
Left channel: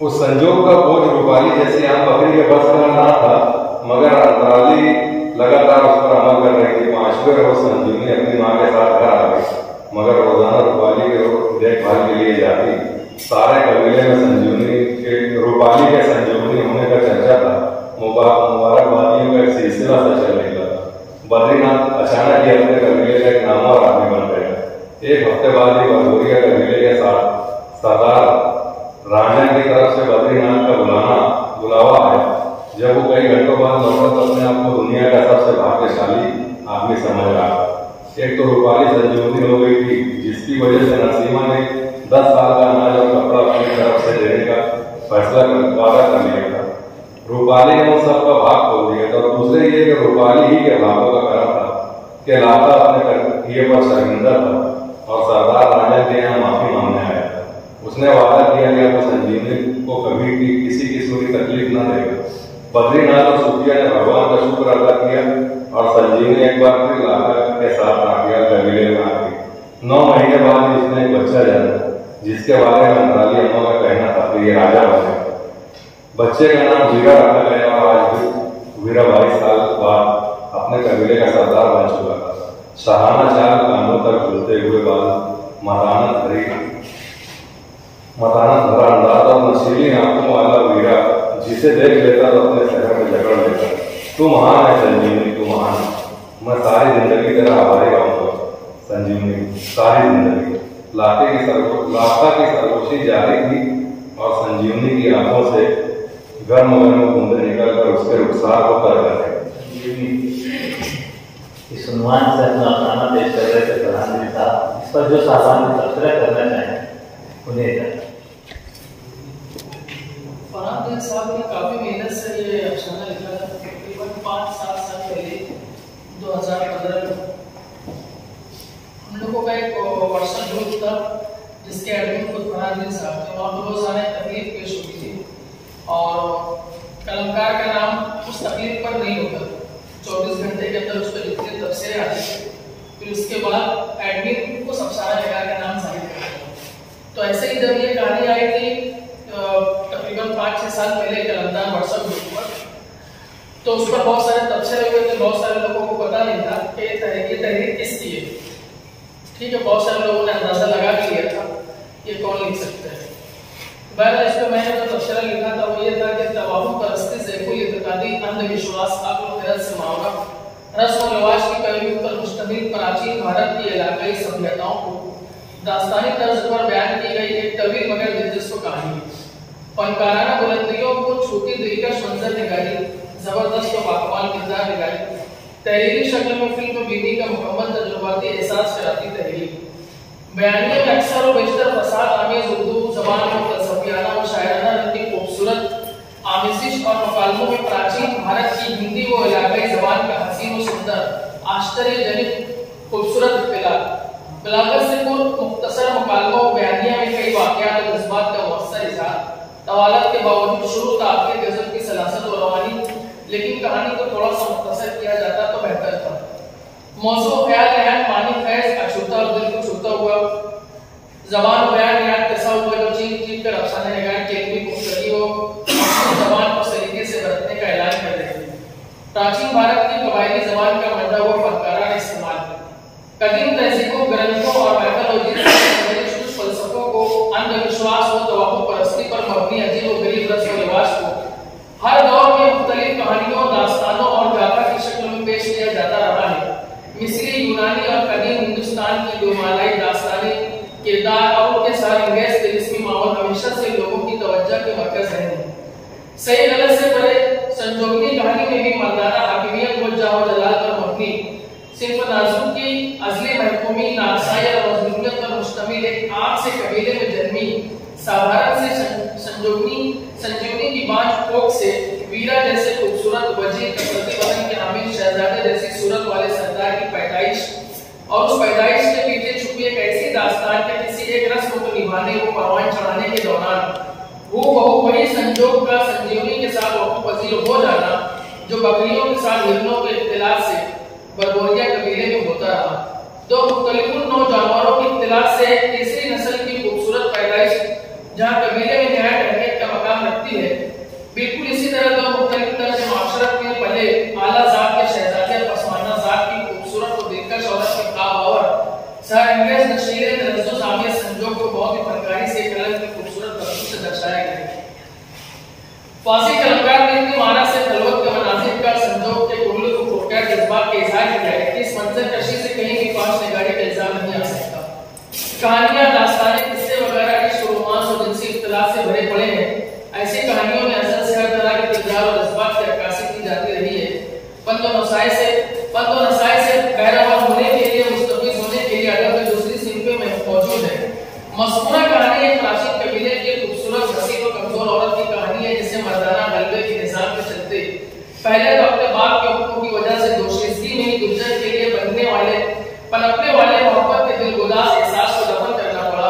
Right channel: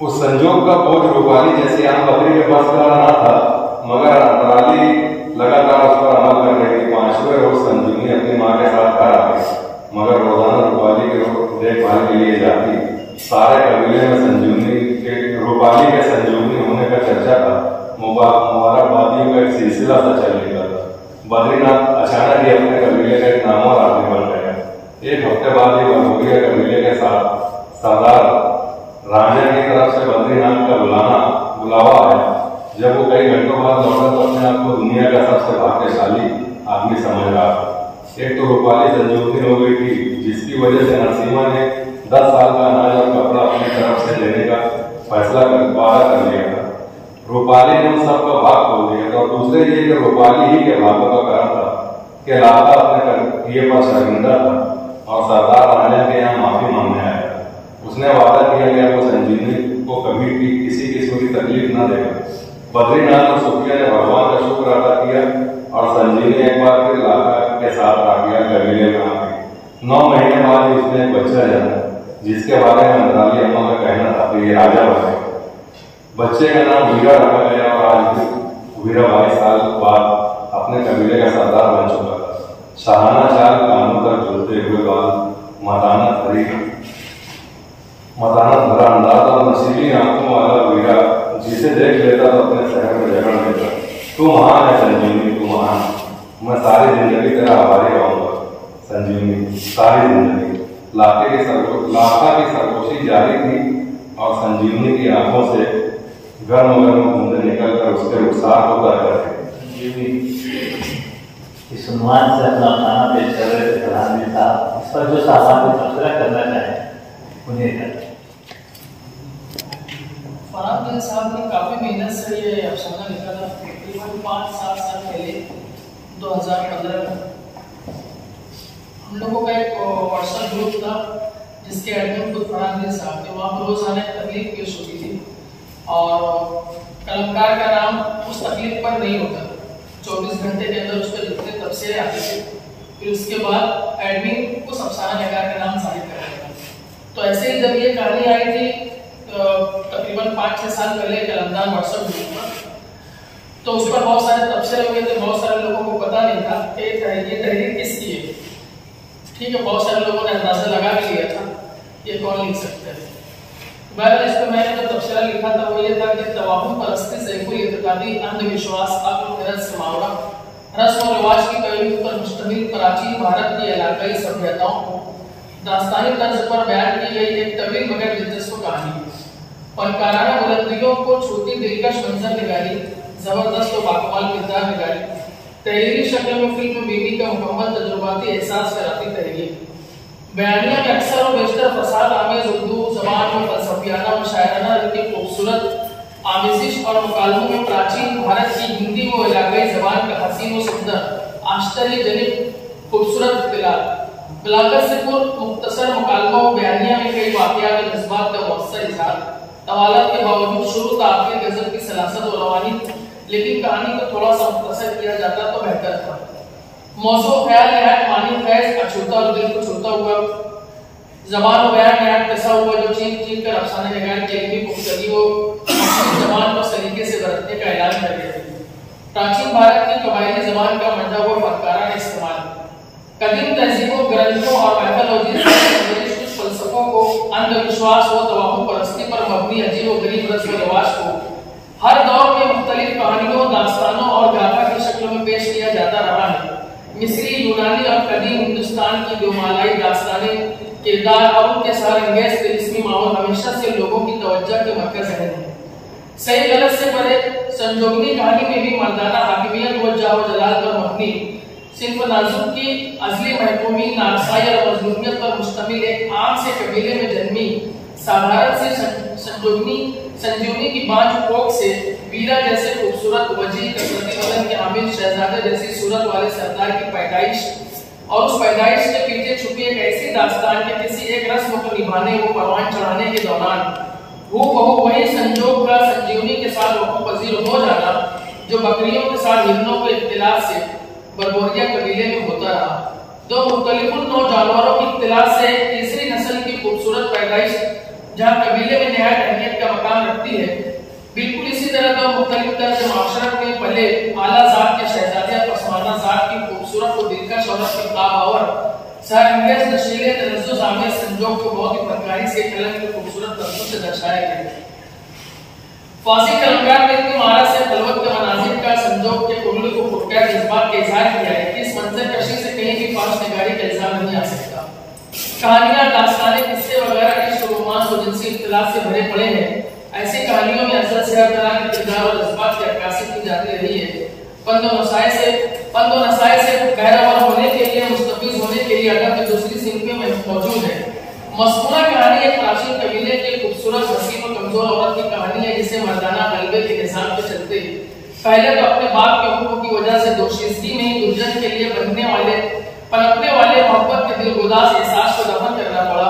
उस संजोग का बोझ रूपाली जैसी आम बकरी के पास का न था, मगर अंतराली लगातार उस पर अमल कर रही थी। 5वें रोज संजीवनी अपनी माँ के साथ घर आ गई, मगर रोजाना रूपाली के देखभाल के लिए जाती। सारे कबीले में रूपाली के संजीवनी होने का चर्चा था। मुबारकबादियों का एक सिलसिला सा चल निकला। बद्रीनाथ अचानक ही अपने कबीले का एक नामवर आदमी बन गया। एक हफ्ते बाद ही बंगोरिया कबीले के साथ सरदार राजा की तरफ से बद्रीनाथ का बुलावा आया। जब वो कई घंटों बाद लौटा तो अपने आप को दुनिया का सबसे भाग्यशाली आदमी समझ रहा था। एक तो रूपाली संजीवनी हो गई थी, जिसकी वजह से नसीमा ने 10 साल का अनाज और कपड़ा अपनी तरफ से देने का फैसला कर लिया था। रूपाली ने उन सबका भाग खोल दिया था। और दूसरे ये कि रूपाली ही के भागों का कारण था कि लाता अपने किए पर शर्मिंदा था और सरदार राजा के यहाँ माफी मांगने आया। उसने वादा किया कि वो संजीवनी को कभी भी किसी किस्म की तकलीफ न देगा। बद्रीनाथ और सुफिया ने भगवान का शुक्र अदा किया और संजीवनी एक बार फिर लाका के साथ राकिया कबीले में आ गई। 9 महीने बाद ही उसने एक बच्चा जाना, जिसके बारे में अंतराली अम्मा का कहना था कि ये राजा बने। बच्चे का नाम वीरा रखा गया और आज वीरा 22 साल बाद अपने कबीले का सरदार बन चुका था। शाहाना चाल कानों तक झूलते हुए बाल, मतानत भरा अंदाज और नशीली आंखों वाला वीरा, जिसे देख लेता तो अपने शहर में झगड़ लेता। तू महान है संजीवनी, तू महान। मैं सारी जिंदगी तेरा आभारी रहूंगा संजीवनी, सारी जिंदगी। लाका की सरगोशी जारी थी और संजीवनी की आंखों से गर्म बूंदे निकलकर उसके रुखसार को कर रहे थे। इस उन्वान से अपना खाना पेश कर रहे थे प्रधानमंत्री साहब। इस पर जो सामान्य तबसरा करना चाहें उन्हें। फरहान साहब ने काफ़ी मेहनत से ये अफसाना लिखा था। तकरीबन 5-7 साल पहले 2015 में हम लोगों का एक व्हाट्सएप ग्रुप था, जिसके एडमिन खुद फरहान साहब थे। वहाँ पर रोजाना तकलीफ पेश होती थी और कलमकार का नाम उस तकलीफ पर नहीं होता। 24 घंटे के अंदर उस पर जितने तबसरे आते थे, फिर उसके बाद एडमिन उस अफसाना नगार का नाम जाहिर कर दिया। तो ऐसे ही जब ये कहानी आई थी तकरीबन 5-6 साल पहले कलमदार व्हाट्सएप ग्रुप पर, तो उस पर बहुत सारे तबसरे हुए थे। बहुत सारे लोगों को पता नहीं था कि ये तहरीर किसकी है। ठीक है, बहुत सारे लोगों ने अंदाजा लगा भी लिया था ये कौन लिख सकते हैं। बहरहाल इस पर मैंने जो तबसरा लिखा था वो ये था कि तवाहुम परस्ती से कोई इत्तेकादी अंधविश्वास अक्ल खैरत से मावरा रस्म और रिवाज की पहलू पर मुश्तमिल प्राचीन भारत की इलाकाई सभ्यताओं को दास्तानी तर्ज पर बयान की गई एक तवील मगर दिलचस्प कहानी है। फनकाराना बुलंदियों को छूती दिलकश मंजर निगारी, जबरदस्त और बाकमाल किरदार निगारी, तहरीरी शक्ल में फिल्म बीवी का मुकम्मल तजुर्बाती एहसास कराती तहरीर। बयानिया में अक्सर और बेशतर फसाद आमेज उर्दू जबान में फलसफियाना और शायराना रंग की खूबसूरत आमेजिश और मुकालमों में प्राचीन आश्चर्यजनक खूबसूरत इख्तिलाफ। बलागत से मुख्तसर मुकालमों बयानिया में कई वाक़यात और जज्बात का मुअस्सर इज़हार, तवालत के बावजूद शुरू से आखिर गज़ल की सलासत और रवानी, लेकिन कहानी को थोड़ा सा मुख्तसर किया जाता तो बेहतर था। मौजू ख्याल नहायत मानी फैज अछूता और दिल को छूता हुआ, ज़बान बयान नहायत कैसा हुआ जो चीख चीख कर अफसाना निगार की इल्मी पुख्तगी हो ज़बान को सलीके से बरतने का ऐलान कर रहे थे। प्राचीन भारत की कबायली ज़बान का मंजा हुआ फनकाराना इस्तेमाल, कदीम तहजीबों, ग्रंथों और मैथोलॉजी फलसफों को, अंधविश्वास व तवाहम परस्ती पर मबनी अजीब व गरीब रस्म व रिवाज को हर दौर में मुख्तलिफ कहानियों, दास्तानों और गाथा की शक्ल में पेश किया जाता रहा है। मिस्री, यूनानी और कदीम हिंदुस्तान की दोमालाई दास्तानें, किरदार और उनके सरअंगेज़ तिलिस्मी माहौल हमेशा से लोगों की तवज्जो के मरकज़ रहे हैं। सही गलत से परे संजोगनी कहानी में भी मर्दाना हाकिमियत व जाह व जलाल पर मबनी सिर्फ नाजुक की अज़ली महकूमी, नारसाई और मज़लूमियत पर मुश्तमिल एक आग से कबीले में जन्मी साधारण से संजीवनी की बांझ कोख से वीरा जैसे खूबसूरत वजीर कसरती बदन के हामिल शहजादे जैसी सूरत वाले सरदार की पैदाइश, और उस पैदाइश के पीछे छुपी एक ऐसी दास्तान के किसी एक रस्म को निभाने व परवान चढ़ाने के दौरान वो वही संजोग का संजीवनी के साथ वक़्फ़ पजीर हो जाना जो बकरियों के साथ हिरनों के इख्तिलाफ से बरबोरिया कबीले में होता रहा। दो मुख्तलिफ नौ जानवरों की इख्तिलाफ से तीसरी नस्ल की खूबसूरत पैदाइश जहाँ कबीले में नहायत अहमियत का मकाम रखती है, बिल्कुल इसी तरह दो मुख्तलिफ तर्ज माशरत में पले आला ज़ात के शहजादे और पसमाना ज़ात की खूबसूरत और दिलकश औरत के ख़्वाब सरअंगेज़ नशीले तलज़्ज़ुज़ आमेज़ संजोग को बहुत ही फनकारी से कलम की खूबसूरत लफ्ज़ों से दर्शाया गया है। फासी कलमकार ने इतनी मारा से खलवत के मनाज़िर का संजोग के कुल्लू को खूबसूरत जज्बात का इज़हार किया है कि इस मंज़र कशी से कहीं भी पास निगारी का इल्ज़ाम नहीं आ सकता। कहानियाँ, दास्तानें, किस्से वगैरह इश्क, रोमांस और जिनसी इख्तिलाफ से भरे पड़े हैं। ऐसी कहानियों में असल से हर तरह के किरदार और जज्बात की अक्कासी की जाती रही है। पंदो नसाए से बहरावर होने के लिए, मुस्तफीज़ होने के लिए अदब में दूसरी सिंफ में मौजूद है। मज़कूरा कहानी एक प्राचीन कबीले की खूबसूरत, हसीन और कमजोर औरत की कहानी है जिसे मर्दाना गलबे के निज़ाम के चलते पहले तो अपने बाप के हुक्म की वजह से दोशीज़गी में दुर्जन के लिए पनपने वाले मोहब्बत के दिलगुदास एहसास को दफन करना पड़ा।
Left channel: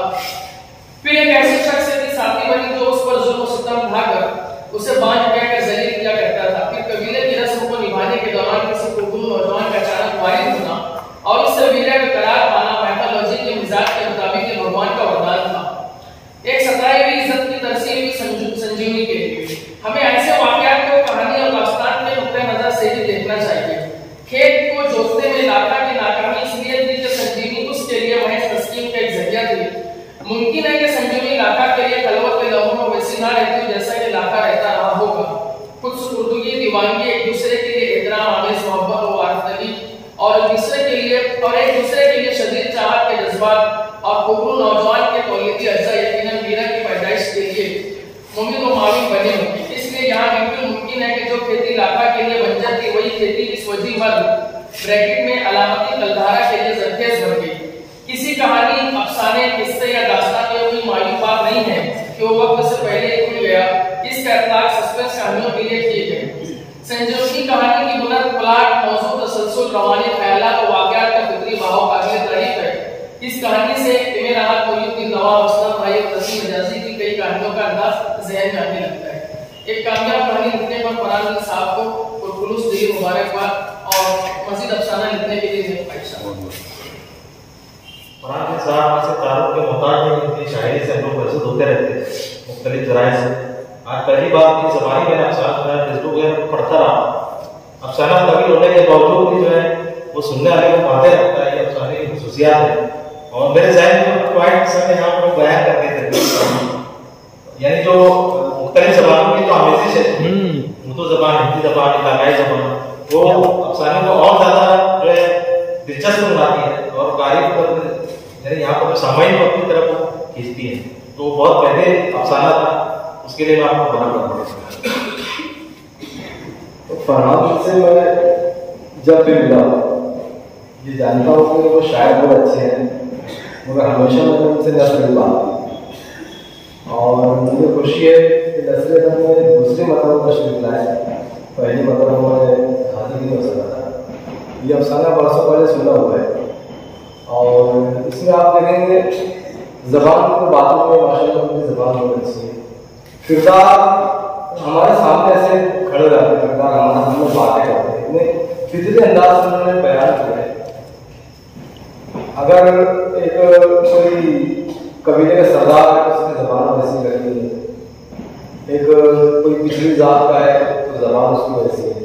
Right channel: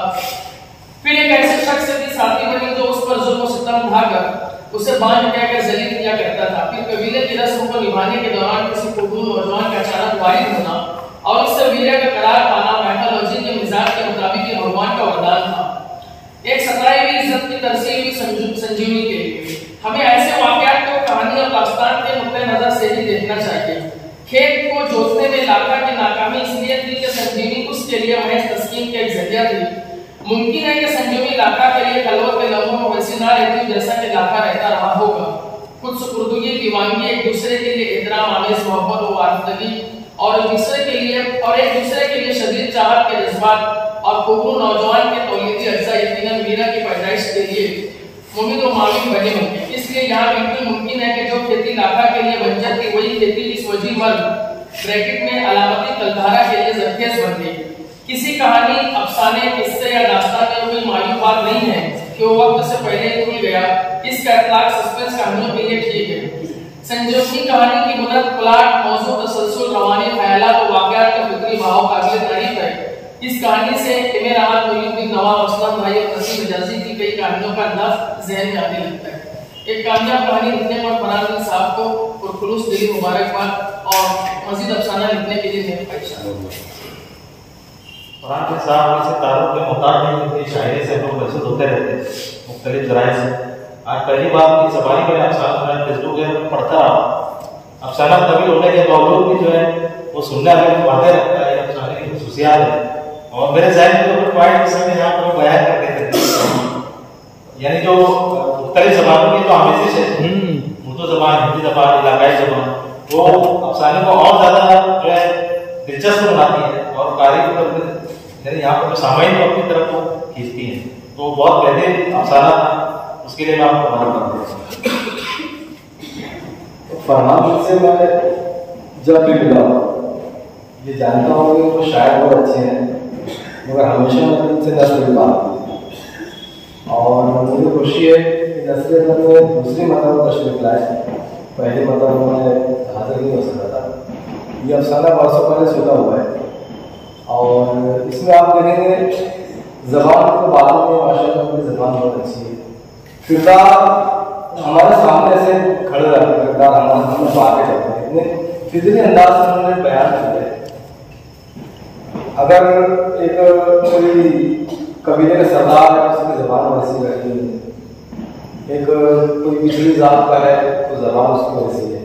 फिर एक ऐसे शख्स की साथी बनी जो उस पर जुल्म सितम ढाकर उसे बांझ कहकर जलील किया करता था। फिर कबीले की रस्म को निभाने के दौरान किसी खूबसूरत नौजवान का अचानक वारिद होना और उससे वीरा का करार पाना मैथोलॉजी के मिजाज के मुताबिक भगवान का वरदान था, एक सताई हुई इज्जत की तरसीह हुई संजीवनी के लिए। हमें ऐसे वाक़यात को कहानी और दास्तान के नुक्ते नजर से ही देखना चाहिए। खेत को जोतने में लाखा की नाकामी इसलिए थी कि संजीवनी उसके लिए महज तस्कीन का एक जरिया थी। मुमकिन है कि संजीवनी लाखा के लिए खलवत के लम्हों में वैसी ना रहती जैसा कि लाखा रहता रहा होगा। कुछ सुपुर्दगी, दीवानगी, एक दूसरे के लिए एहतराम आमेज़ मोहब्बत और वारफदगी और एक दूसरे के लिए शदीद चाहत के जज्बात और खूबरू नौजवान के तौलीदी अज्जा यकीनन वीरा की पैदाइश के लिए मुमिद व माविन बने होंगे। इसलिए यहाँ बिल्कुल मुमकिन है कि जो खेती लाखा के लिए बंजर थी वही खेती इस वजीर वर्ग ब्रैकेट में अलामती कलधारा के लिए जरखेज बन गई। किसी कहानी, अफसाने, किस्से या दास्तान में कोई मायूब बात नहीं है कि वो वक्त से पहले टूट गया। इसका इतलाक सस्पेंस कहानियों के लिए ठीक है। संजीवनी कहानी की बुलंद प्लाट, मौजू, तसलसल, रवानी, ख्यालात और वाक़यात का फिक्री बहाव काबिल तारीफ है। इस कहानी से इमे राहत, मुईनुद्दीन नवाब, असलम भाई और तसीम हिजाज़ी की कई कहानियों का अंदाज ज़हन में आने लगता है। एक कामयाब कहानी लिखने पर फरहान साहब को पुरखुलूस दिली मुबारकबाद और मज़ीद अफसाना लिखने के लिए मैं ख्वाहिश हूँ। फरहान साहब से तारुफ के मोहताज हैं, उनकी शायरी से हम लोग महसूस होते रहते हैं मुख्तलिफ ज़राए से। आज पहली बार की ज़बानी मैंने अफसाना सुना, फेसबुक पर पढ़ता रहा। अफसाना तवील होने के बावजूद भी जो है वो सुनने वाले को माथे रखता है, अफसाने की खुसूसियात है। और मेरे ज़हन में पॉइंट किस्से में यहाँ पर बयान करके थे, यानी जो मुख्तलिफ ज़बानों की जो आमेज़िश है, उर्दू ज़बान, हिंदी ज़बान, इलाकाई ज़बान, वो अफसाने को और ज़्यादा जो है दिलचस्प बनाती है और कारी को यानी यहाँ पर जो सामाइन को अपनी तरफ खींचती है। तो बहुत बेहतरीन अफसाना था, उसके लिए मैं आपको बड़ा करता हूँ। तो फरहान से मैं जब भी मिला ये जानता हूँ कि वो शायद बहुत अच्छे हैं, मगर हमेशा मैंने उनसे नस्ल बात की और मुझे खुशी है कि नस्ल में दूसरी मतलब तशरीफ लाए। पहली मतलब उन्होंने हाजिर नहीं हो सका था। ये अफसाना बरसों पहले सुना हुआ है। और इसमें आप देखेंगे ज़बान की बातों में माशाअल्लाह अपनी ज़बान बहुत अच्छी है। किरदार हमारे सामने ऐसे खड़े रहते हैं, किरदार हमारे सामने बातें रहते हैं, इतने फितरी अंदाज से उन्होंने बयान किया है। अगर एक कोई कबीले का सरदार है उसकी ज़बान वैसी रहती है, एक कोई पिछली जात का है तो ज़बान उसकी वैसी है,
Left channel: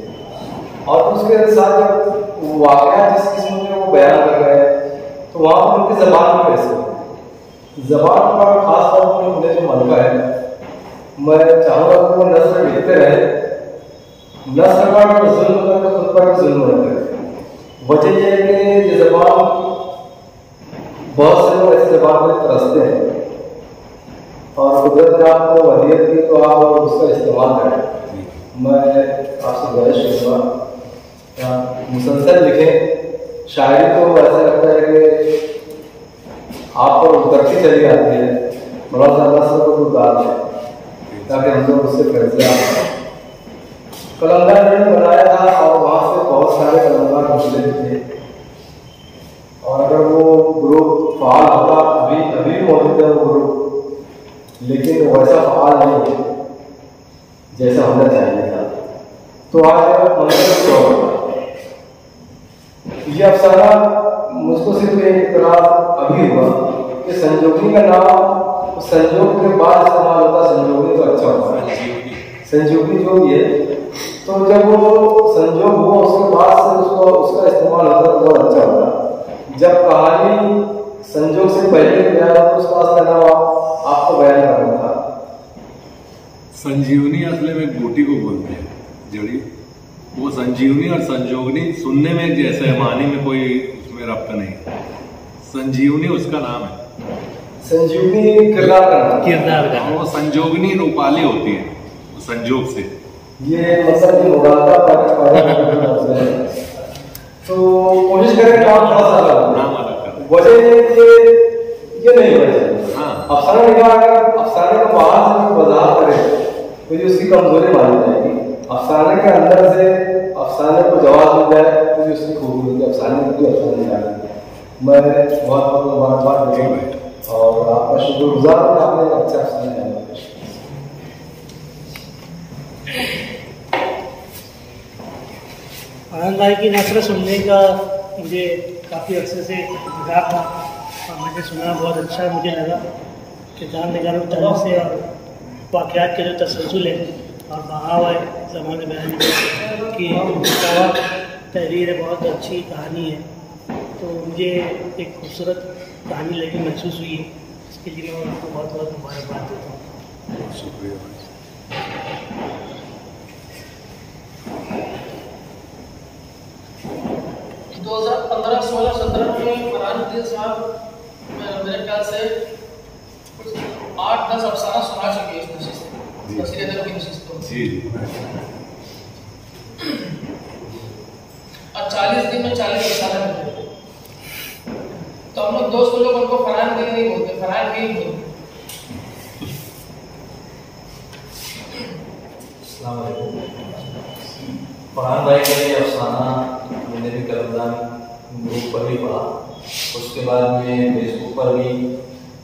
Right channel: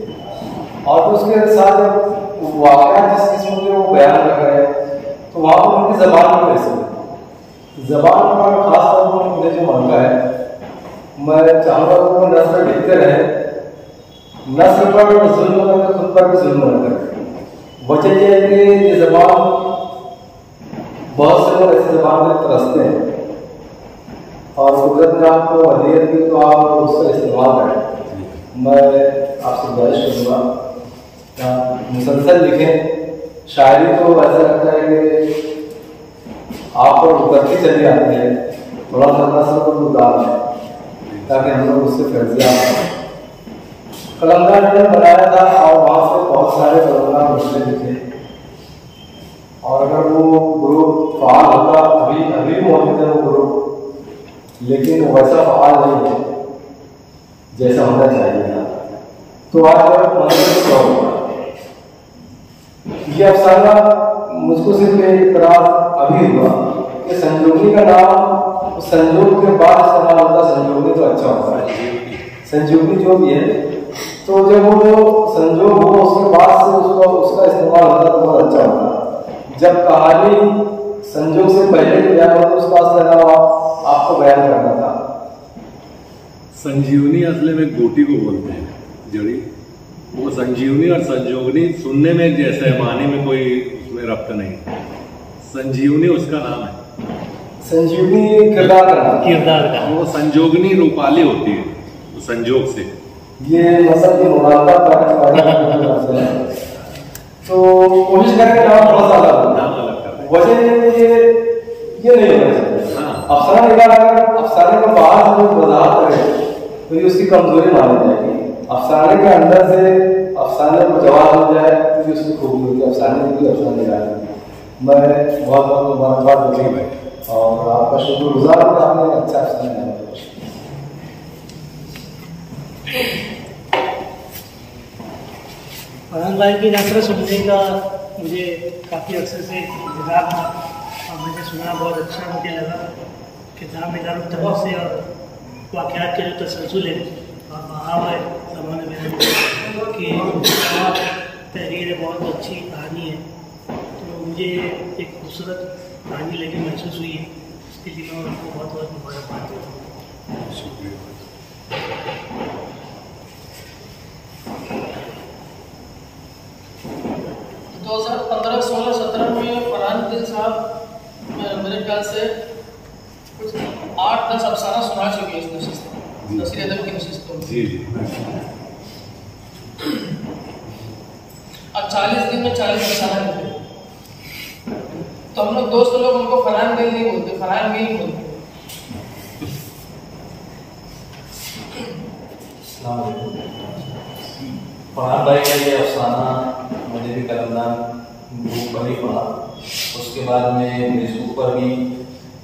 और तो उसके साथ वाक़या जिस किस्म में वो बयान कर रहे हैं तो वहाँ पर उनकी ज़बान भी वैसी है। ज़बान पर खास तौर पर मुझे जो मौका है, मैं चाहूँगा कि वो नस्ल लिखते रहे, नस्ल पर जुल्म करके खुद पर भी जुल्म न करें। वजह यह है कि ये ज़बान बहुत से लोग ऐसी ज़बान में तरसते हैं और कुदरत ने आपको वलीयत दी तो आप उसका इस्तेमाल करें। मैं आपसे गुजारिश करूँगा मुसलसल लिखें। शायरी तो ऐसा लगता है कि आप पर उतरती चली आती है, थोड़ा सा नस्ल को उतार है ताकि हम लोग उससे फैसला कलंदर ने बनाया था और वहाँ से बहुत सारे कलंदर मसले लिखे। और अगर वो ग्रुप फाल होता, अभी मौजूद है वो ग्रुप, लेकिन वैसा फाल नहीं है जैसा होना चाहिए था, तो आज मतलब होता। ये अफसाना मुझको सिर्फ एक इतराज अभी हुआ कि संजोगी का नाम संजोग के बाद इस्तेमाल होता, संजोगी तो अच्छा होता है, संजोगी जो भी है, तो जब वो संजोग हो उसके बाद से उसका इस्तेमाल होता तो बहुत अच्छा होता। जब कहानी संजोग से पहले बयान हो तो उसका असर आपको बयान करना था। संजीवनी असले में गोटी को बोलते हैं, जड़ी वो संजीवनी और संजोगनी सुनने में एक जैसे है, मानी में कोई उसमें रब्त नहीं। संजीवनी उसका नाम है, संजीवनी किरदार का, वो संजोगनी रूपाली होती है, वो संजोग से। ये मतलब ये तो कोशिश करेंगे नाम थोड़ा सा अलग, वजह ये नहीं होना चाहिए। अफसाना लिखा, अगर अफसाने का बाहर से कोई वजाहत करे तो ये उसकी कमजोरी मानी जाएगी। अफसाने के अंदर से अफसाने को जवाब मिल जाए तो ये उसकी खूबी होगी। अफसाने की अफसाने निकाली मैं बहुत मुबारकबाद देखेंगे और आपका शुक्रगुजार हूं, आपने अच्छा अफसाना है। फरहान भाई की नसर सुनने का मुझे काफ़ी अरसे से इंतजार था और मैंने सुना, बहुत अच्छा मुझे लगा। किताब निगारों तरफ से और वाक़यात के जो तसलसल है और बहाव है ज़माने बयान की तहरीर है, बहुत अच्छी कहानी है। तो मुझे एक खूबसूरत कहानी लगी, महसूस हुई है, इसके लिए मैं उनको बहुत बहुत मुबारकबाद देता हूँ। शुक्रिया। 2015, 16, 17 में फरहान साहब मेरे ख्याल से कुछ 8-10 अफसाना सुना चुके हैं इस नशिस्त में, तफसीर अदब की नशिस्तों में। और 40 दिन में 40 अफसाना करते। तो हम लोग दोस्त लोग उनको फरहान दिल नहीं बोलते, फरहान गिल बोलते। फरहान भाई का ये अफसाना मैंने भी कलमदान ग्रुप पर भी पढ़ा, उसके बाद में फेसबुक पर भी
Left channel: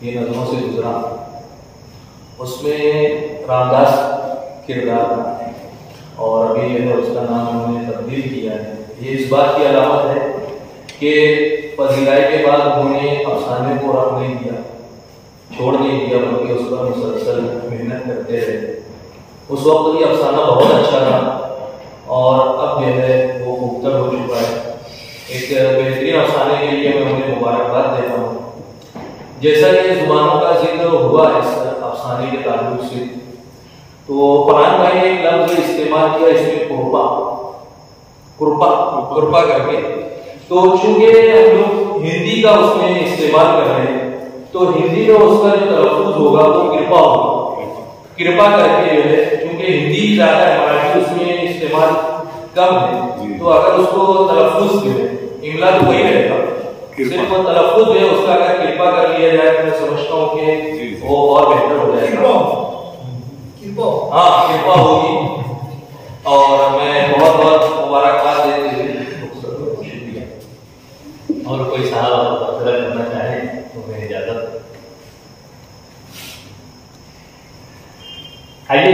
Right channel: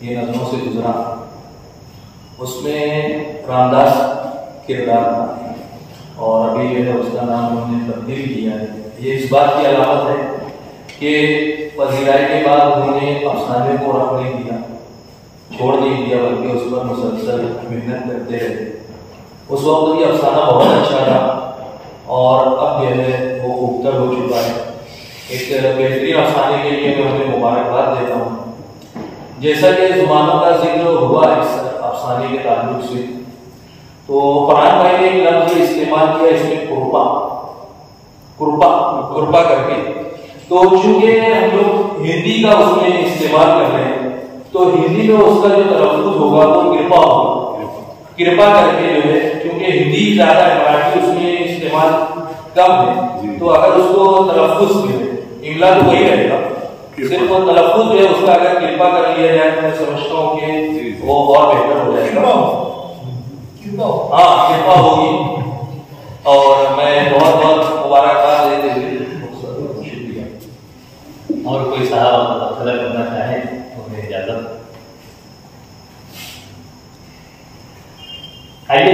ये नज़मों से गुजरा। उसमें रामदास किरदार था और अभी जो है उसका नाम उन्होंने तब्दील किया है। ये इस बात की अलामत है कि फजीलाई के बाद उन्होंने अफसाने को रख नहीं दिया, छोड़ नहीं दिया, बल्कि उस पर मुसलसल मेहनत करते रहे। उस वक्त ये अफसाना बहुत अच्छा था और अब जो है वो खूबतर हो चुका है। एक बेहतरीन अफसाने के लिए मैं उन्हें मुबारकबाद देता हूँ। जैसा कि ज़ुबानों का जिक्र हुआ इस अफसाने के ताल्लुक से, तो फरहान भाई ने एक लफ्ज़ इस्तेमाल किया इसमें कुर्पा करके। तो चूंकि हम लोग हिंदी का उसमें इस्तेमाल कर रहे हैं तो हिंदी में उसका जो तलफ़्फ़ुज़ होगा वो कृपा होगा, कृपा करके जो है, क्योंकि हिंदी ज़्यादा है, मराठी उसमें इस्तेमाल कम है, तो अगर उसको तलफ़्फ़ुज़ में इंग्ला तो वही रहेगा, सिर्फ वो तलफ़्फ़ुज़ जो है उसका अगर कृपा कर लिया जाए तो मैं समझता हूँ कि वो और बेहतर हो जाएगा। हाँ, कृपा होगी। और मैं बहुत बहुत मुबारकबाद देते हुए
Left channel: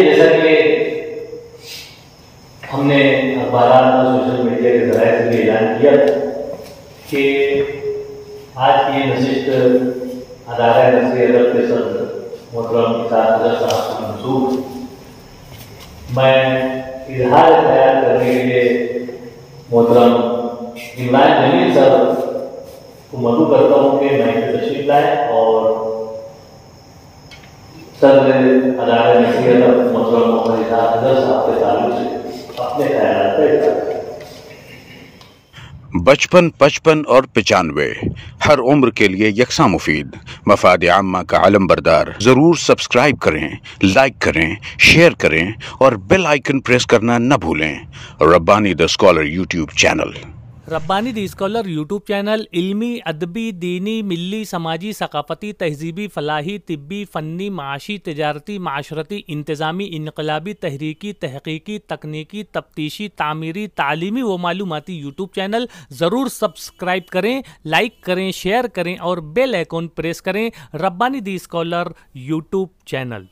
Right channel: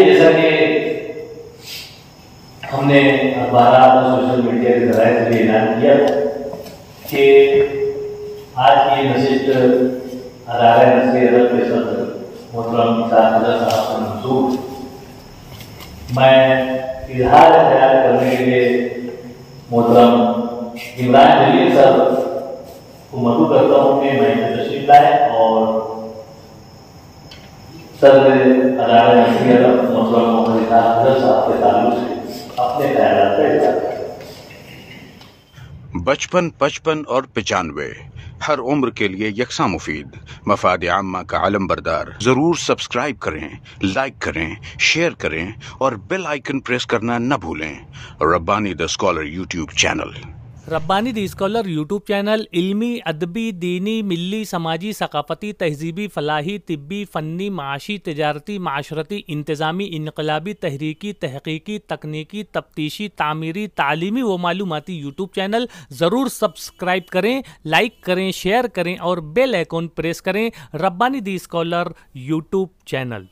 जैसा कि हमने अखबार और सोशल मीडिया के जरिए से ऐलान किया कि आज की नशिस्त अदालत नसीर अदब के सदर मोहतरम साहब से मंसूब मैं इजहार ख्याल करने के लिए मोहतरम इमरान जलील साहब को मदू करता हूँ कि मैं तशरीफ लाए और सदर अदालत नसीर अदब मोहतरम मोहम्मद साहब के ताल्लुक से अपने ख्याल व्यक्त करें। 55, 55 और 95 हर उम्र के लिए यकसा मुफीद मफाद आम्मा का आलम बरदार। जरूर सब्सक्राइब करें, लाइक करें, शेयर करें और बेल आइकन प्रेस करना न भूलें। Rabbani the scholar YouTube channel. Rabbani the scholar YouTube channel इल्मी, अदबी, दीनी, मिल्ली, समाजी, सकाफती, तहजीबी, फलाही, तिब्बी, फ़न्नी, माशी, तिजारती, माशरती, इंतज़ामी, इनकलाबी, तहरीकी, तहकीकी, तकनीकी, तफ्तीशी, तामीरी, तालीमी व मालूमाती यूट्यूब चैनल। ज़रूर सब्सक्राइब करें, लाइक करें, शेयर करें और बेल आइकन प्रेस करें। Rabbani the scholar YouTube channel.